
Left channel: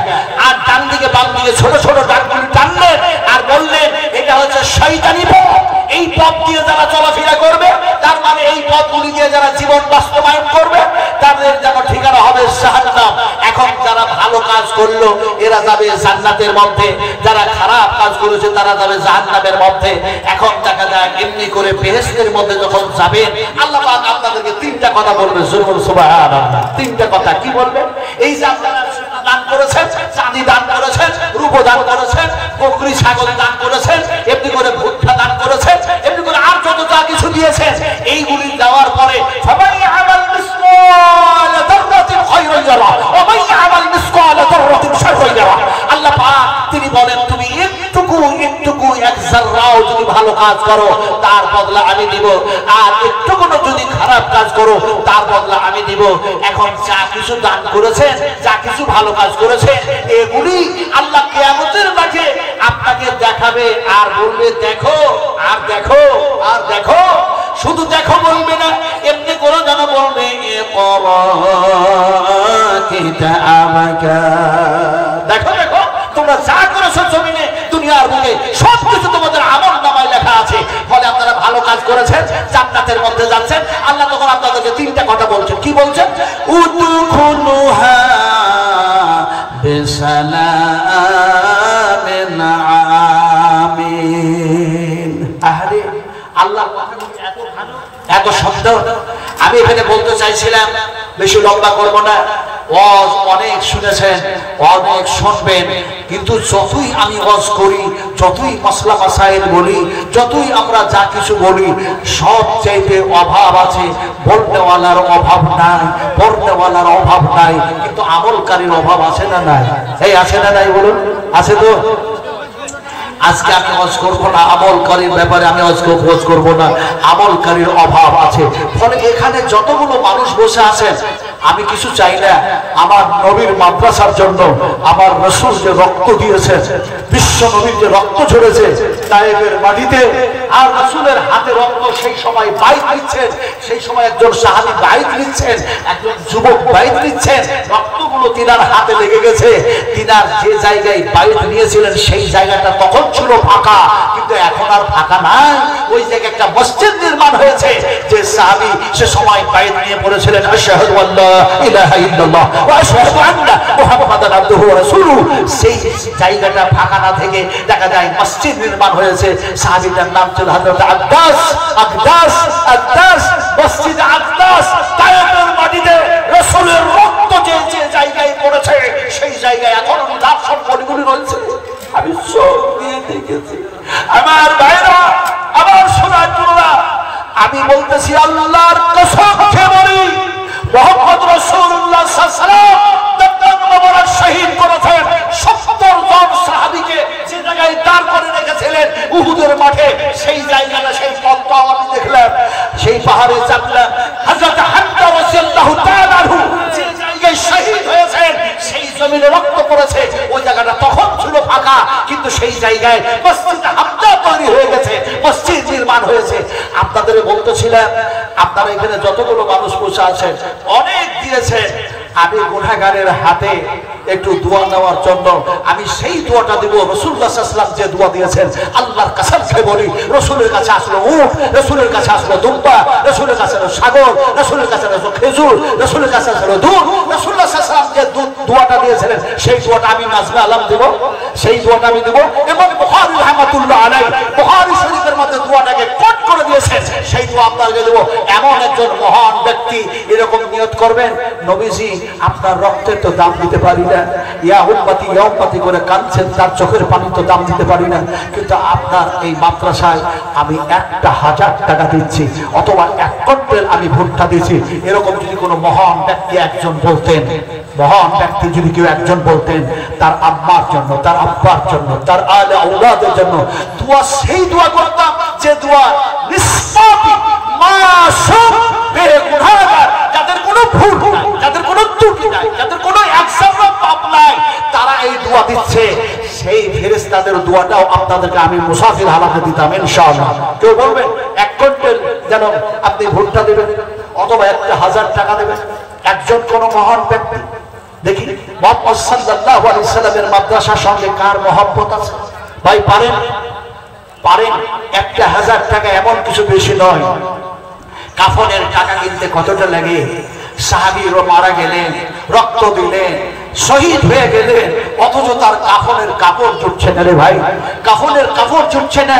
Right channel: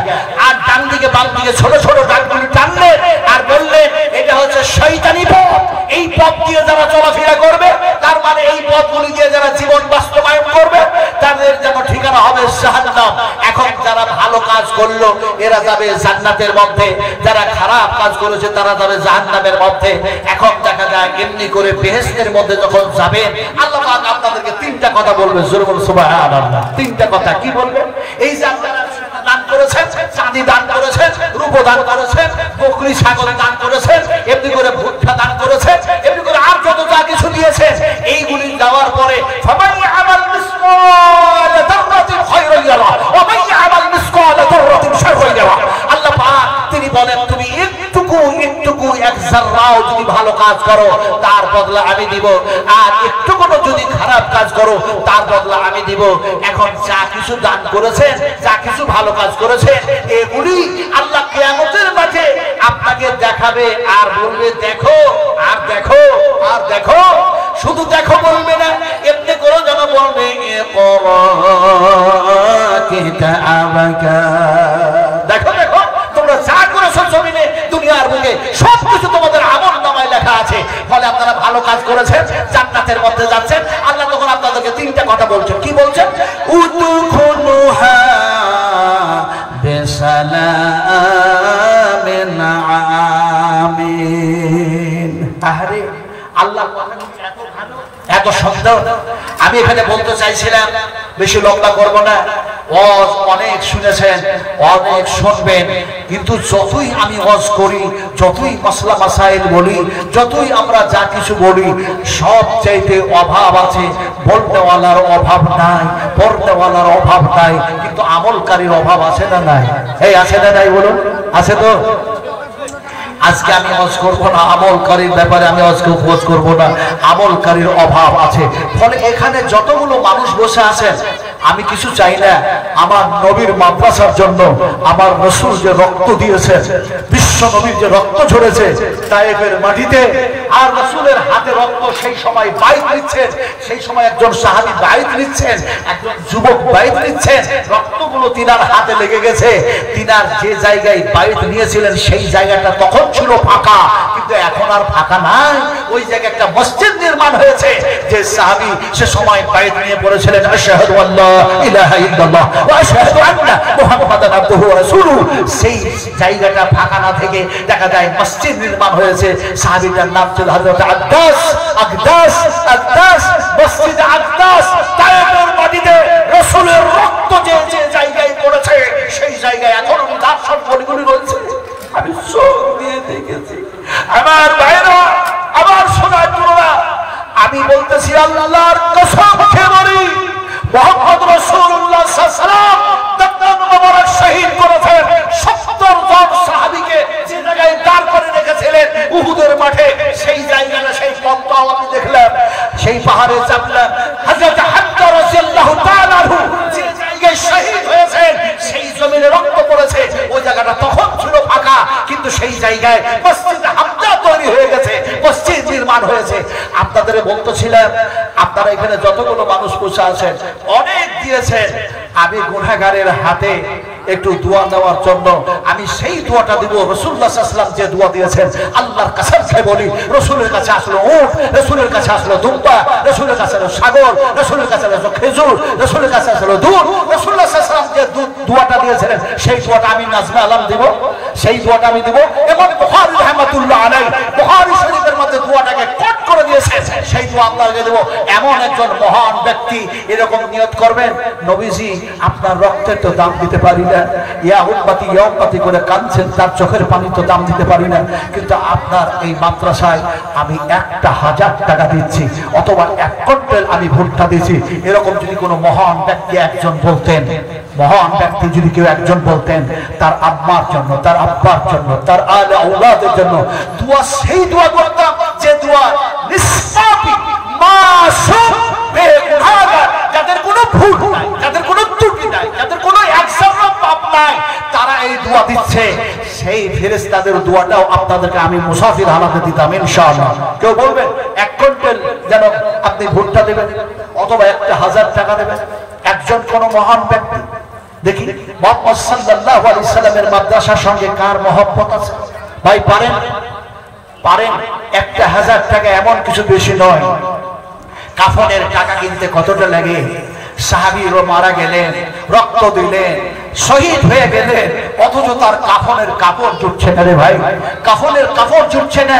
আর ডান দিকে বাম দিকে ছোট ছোট দাগগুলি টানলেন আর বললেন, এটা হচ্ছে শয়তানি পথ। এই পথ দিয়ে যারা চলাফেরা করবে, তার মানে এই পথগুলি দিয়ে যারা জীবন বাস্তবায়ন করবে, তাদের যেন ঠিকানা হবে জাহান্নাম। এখন যারা ভালো কাজ করলো এরা যাবে জান্নাতের মধ্যে, যারা খারাপ কাজ করেছে তারা যাবে জাহান্নামের মধ্যে। এখন দেখা যায় এমনি করে বেহেশতের মধ্যে যখন যাবেন, আল্লাহ পাক আপনাদেরকে তিনটা কথা বলবে। সুবহানাল্লাহ, তিনটা কথা কি বলবে? এই যে আপনারা দান করেছেন, চাঁদি দান করেছেন, রূপ দান করেছেন, বকরি ছাগল দান করেছেন, এমনি করে ভুট্টা দান করেছেন, এমনি করে আর যত যা কিছু দিয়েছেন, এইগুলি দেওয়ার পরে ফামান ইয়ামাল মিসকাল যাররাতিন খায়রান ইয়ারা ওয়া মান ইয়ামাল মিসকাল যাররাতিন শাররান ইয়ারা। আল্লাহ পাক তিনি বলেন, তুমি একটুকু এক যাররাও যদি ভালো কাজ করো তার বদলা আমি দিব, আর একটুকু যদি খারাপ কাজ করো তার বদলা আমি দিব। এখন যা কিছু দান করেছেন, যা কিছু ভালো কাজ করেছেন, এগুলি আল্লাহ কিয়ামতের মাঠে আপনাকে দেখাবে আর বলবে, দেখো আর দেখো আর দেখো। শুধু দেখো বলবে না, এমনি করে যেন বলবে, দেখো দেখো তোমরা যা করেছো জমিনে দুনিয়ার বুকে সবকিছু তোমাদের আমল নামায় আমলনামায় লেখা আছে। ফলে আপনারা ভালো কাজ করেছেন, জান্নাতের মধ্যে যাচ্ছেন। আল্লাহ তখন আপনাদেরকে তিনটা কথা বলছেন। কি বলছেন? উদখুলুহা বিসালামিন আমিন। আরে আল্লাহ এত ভালো, এত সুন্দর। আমি এখানে বলতে চাইছিলাম, বেশি লম্বা করব না, ওয়াজ অনেক শুনেছেন, অনেক শুনবেন, কিন্তু যতই আমি ওয়াজ করি, যতই মাসলা মাসাইল বলি, যতই আমরা যা কিছু বলি, সব চাইতে অভাব আছে। বলতেওয়ালার অভাব নাই, পড়তেওয়ালার অভাব নাই, কিন্তু আমলকারীর অভাব আছে না নাই? এই আছে না নাই বলুন? আছে তো? আজকে আমি ওয়াজ করব না আমলকারীর ব্যাপারে, আমি ওয়াজ করব না, আমলকারীর অভাব আছে। ফলে এখানে যতগুলো মানুষ বসে আছেন, আমি কিছু চাই না, আমার নবীর মাদ্রাসার জন্য আমার রাসূল যে রক্ত দিয়েছেন, বিশ্ব নবীর যে রক্ত ঝরেছে তায়েফের মাটিতে, আর রাসূলের হাতে রক্ত সেই সময় বাইত নিচ্ছেন, সেই সময় একজন সাহাবী বাইত নিচ্ছেন, একজন যুবক বাইত নিচ্ছেন, রক্তগুলো তিনার হাতে লেগে গেছে। তিনার যে জায়গায় বাইত নিয়েছিলেন সেই জায়গাটা তখন ছিল ফাঁকা, কিন্তু এখন আর ফাঁকা নাই। ওই জায়গায় একটা মসজিদ নির্মাণ হয়েছে। যে সাহাবী সে সময় বাইত নিয়ে পড়েছিলেন আশহাদু আল্লা ইলাহা ইল্লাল্লাহ ওয়া আশহাদু আন্না মুহাম্মাদান আবদুহু ওয়া রাসূলুহু, সেই জায়গাটা ফাঁকা না থেকে দেখা যায় মসজিদ নির্মাণ হয়েছে। সাহাবীটার নাম ছিল হযরত আকদাস। মসজিদ আকদাস তায়েফের মাটিতে রাসূলের রক্ত যে জায়গায় পড়েছে, সেই জায়গায় এখন দার্শন বলিগুলি রয়েছে। আমি চোখ দিয়ে দেখেছি। আমার ভাইরা, আমার সোনারা, আমি বলতেছি আল্লাহর কসম খেয়ে বলি, মুহাম্মদ রাসূলুল্লাহ সাল্লাল্লাহু আলাইহি ওয়াসাল্লাম দান মোবারক শহীদ করেছেন 70 জন সাহাবীকে। যে জায়গায় দাঁড় করে রেখেছিলেন উহুদের মাঠে, সেই জায়গাটা, সেই পথটাও আমি দেখলাম, সেই পাহাড়ে চাপলাম। হযরত হামজা রাদিয়াল্লাহু তাআলা আনহু যে জায়গায় শহীদ হয়েছেন, সেই জমিনে রক্ত পড়েছে, ওই জায়গাটা তখন ছিল ফাঁকা, কিন্তু সেই জায়গায় মসজিদ হামজা তৈরি হয়ে গেছে, মসজিদ নির্মাণ হয়েছে। আপনাদের বলতেছিলাম, আপনারা এখানে যতগুলো মানুষ বসে আছেন অনেক দিয়েছেন। আমি গুনাহগারের হাতে একটু দোয়া নেওয়ার জন্য আমি সেই দোয়াটা দিব। রাসূলুল্লাহ সাল্লাল্লাহু আলাইহি ওয়াসাল্লাম যে দোয়া দিয়েছেন, আল্লাহর কসম খেয়ে বলি, রাসূলের কাছে আসলো উট, রাসূলের কাছে আসলো দুম্বা, রাসূলের কাছে আসলো ছাগল, রাসূলের কাছে আসলো খেজুর, রাসূলের কাছে আসলো দুধ। রাসূলুল্লাহ সাল্লাল্লাহু আলাইহি ওয়াসাল্লাম যে দোয়াটা দিয়েছিলেন, সেই দোয়াটা আমি নাজমে আলম দিব, সেই দোয়াটা আমি দিব। এবং বুখারী রাহমাতুল্লাহ আলাইহি বুখারী শরীফের মধ্যে দোয়াটাকে কোট করে দিয়েছেন, সেই দোয়া আপনাকে দেব। এমন একজন মহান ব্যক্তি এরকম নিয়ত করবেন, নবীজি আপনার রক্তের তো দাম দিতে পারি না, ইয়া উম্মতি ইয়া উম্মতি করে কাঁদছেন, তার চোখের পানি তো দাম দিতে পারি না, কিন্তু আপনার এই মাদ্রাসায় আমি 1000 টাকা দিচ্ছি, অথবা 1 কুইন্টাল আমি ভুট্টা দিচ্ছি। এরকম যদি কোনো মহান ব্যক্তি একজন বলতেন, মহান ব্যক্তি যদি কেউ একজন বলতেন, তার আম্মার জন্য, তার আব্বার জন্য, তার আলে আওলাদের জন্য দোয়া, সেই দোয়া করতাম যে দোয়া নিষ্পাপী মাসুম বেগুনাহগার, যাদের কোনো ভুল নাই, যাদের কোনো ত্রুটি নাই, যাদের কোনো একজনের পাপ নাই, তারা এই দোয়া দিচ্ছে। সেই ফেরেশতাদের দোয়াটাও আপনাদেরকে আমি মুসাফির হালাতে দিতাম ইনশাআল্লাহ। কেউ বলবেন 1 কুইন্টাল যেন আপনি ভুট্টা দেবেন, অথবা 1000 টাকা দেবেন। একজন কোন মহান ব্যক্তি, দেখি মুহাম্মদ সাল্লাল্লাহু আলাইহি ওয়াসাল্লামের মাদ্রাসার সঙ্গে কার মহব্বত আছে? ভাই পারেন 1000 টাকা এমন কিছু বেশি নয়। কাফনের টাকা কিনতে কতটা লাগে? সাহাবীরা মারা গেলেন, রক্ত দিলেন, শহীদ হয়ে গেলেন, অথচ তার কাফনের কাপড় জুটছে না রে ভাই, কাফনের কাপড় জুটছে না।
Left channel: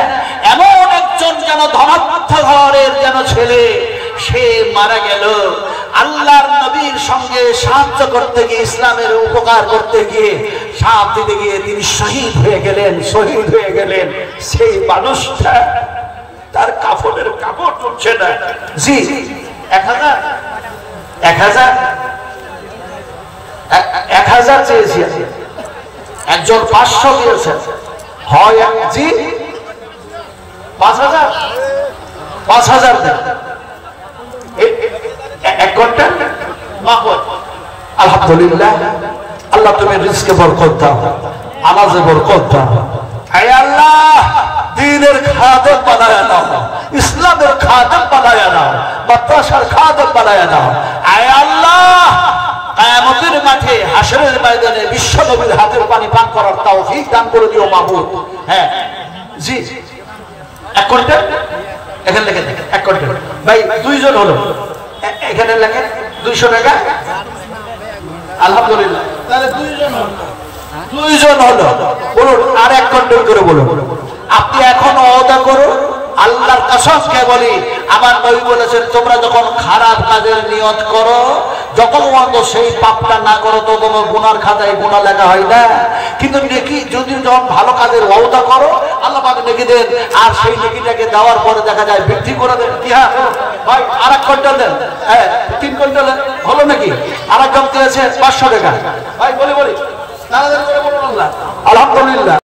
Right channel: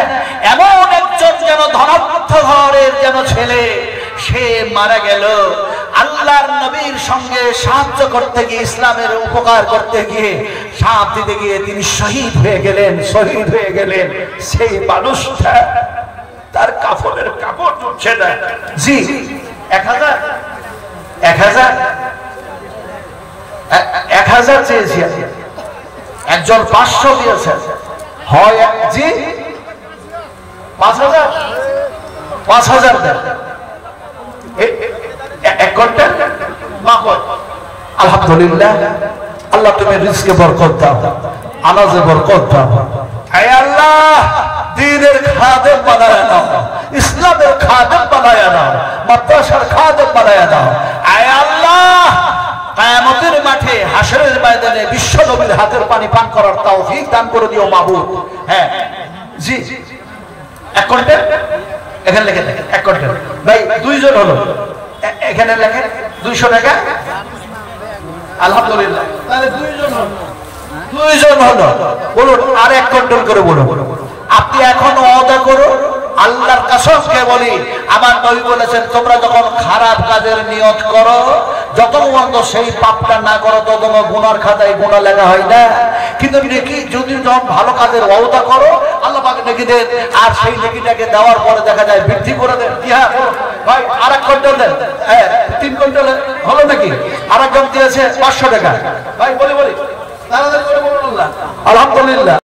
এমন একজন যেন ধনাঢ্য ঘরের যেন ছেলে, সে মারা গেল আল্লাহর নবীর সঙ্গে সাহায্য করতে গিয়ে, ইসলামের উপকার করতে গিয়ে, সাথ দিতে গিয়ে তিনি শহীদ হয়ে গেলেন, শহীদ হয়ে গেলেন। সেই মানুষটা তার কাফনের কাপড় জুটছে না। জি 1000 চেয়েছি, একজন 500 দিয়েছেন, হয় জি 5000 দেন। 1 কুইন্টাল আলহামদুলিল্লাহ। আল্লাহ তুমি রিজকে বরকত দাও, আনাজে বরকত দাও। আয় আল্লাহ, দ্বীনের খাদেম বানায়া দাও, ইসলামের খাদেম বানায়া দাও, মাদ্রাসার খাদেম বানায়া দাও। আয় আল্লাহ, কিয়ামতের মাঠে হাশরের ময়দানে বিশ্ব নবীর হাতের পানি পান করার তৌফিক দান করে দিও মাবুদ। হ্যাঁ জি 1 কুইন্টাল এখানে লিখে দেখেন 1 কুইন্টাল ভাই 2 জন হলো এখানে লেখেন 200 টাকা আলহামদুলিল্লাহ তাহলে 2 জন হলো 2 জন হলো বলুন আর 1 কুইন্টাল করে বলুন আপনি এখন ওয়াদা করুন আল্লাহর কসম কে বলি আমার নবী বলেছেন তোমরা যখন খারাপ কাজের নিয়ত করো যখন পর্যন্ত সেই পাপটা না করো তো তোমার গুনার খাতায় গুনাহ লেখা হয় না কিন্তু নেকি যদি যখন ভালো কাজের ওয়াদা করো আল্লাহ পাক নেকি দেন আর সেই নেকিটাকে দেওয়ার পরে দেখা যায় বৃদ্ধি করে দেন কি হ্যাঁ ভাই আর 1 কুইন্টাল দেন হ্যাঁ 3 কুইন্টাল হলো নাকি আরেকজন দিয়েছে 500 টাকা ভাই বলি তাহলে বলুন আল্লাহ আলহামদুলিল্লাহ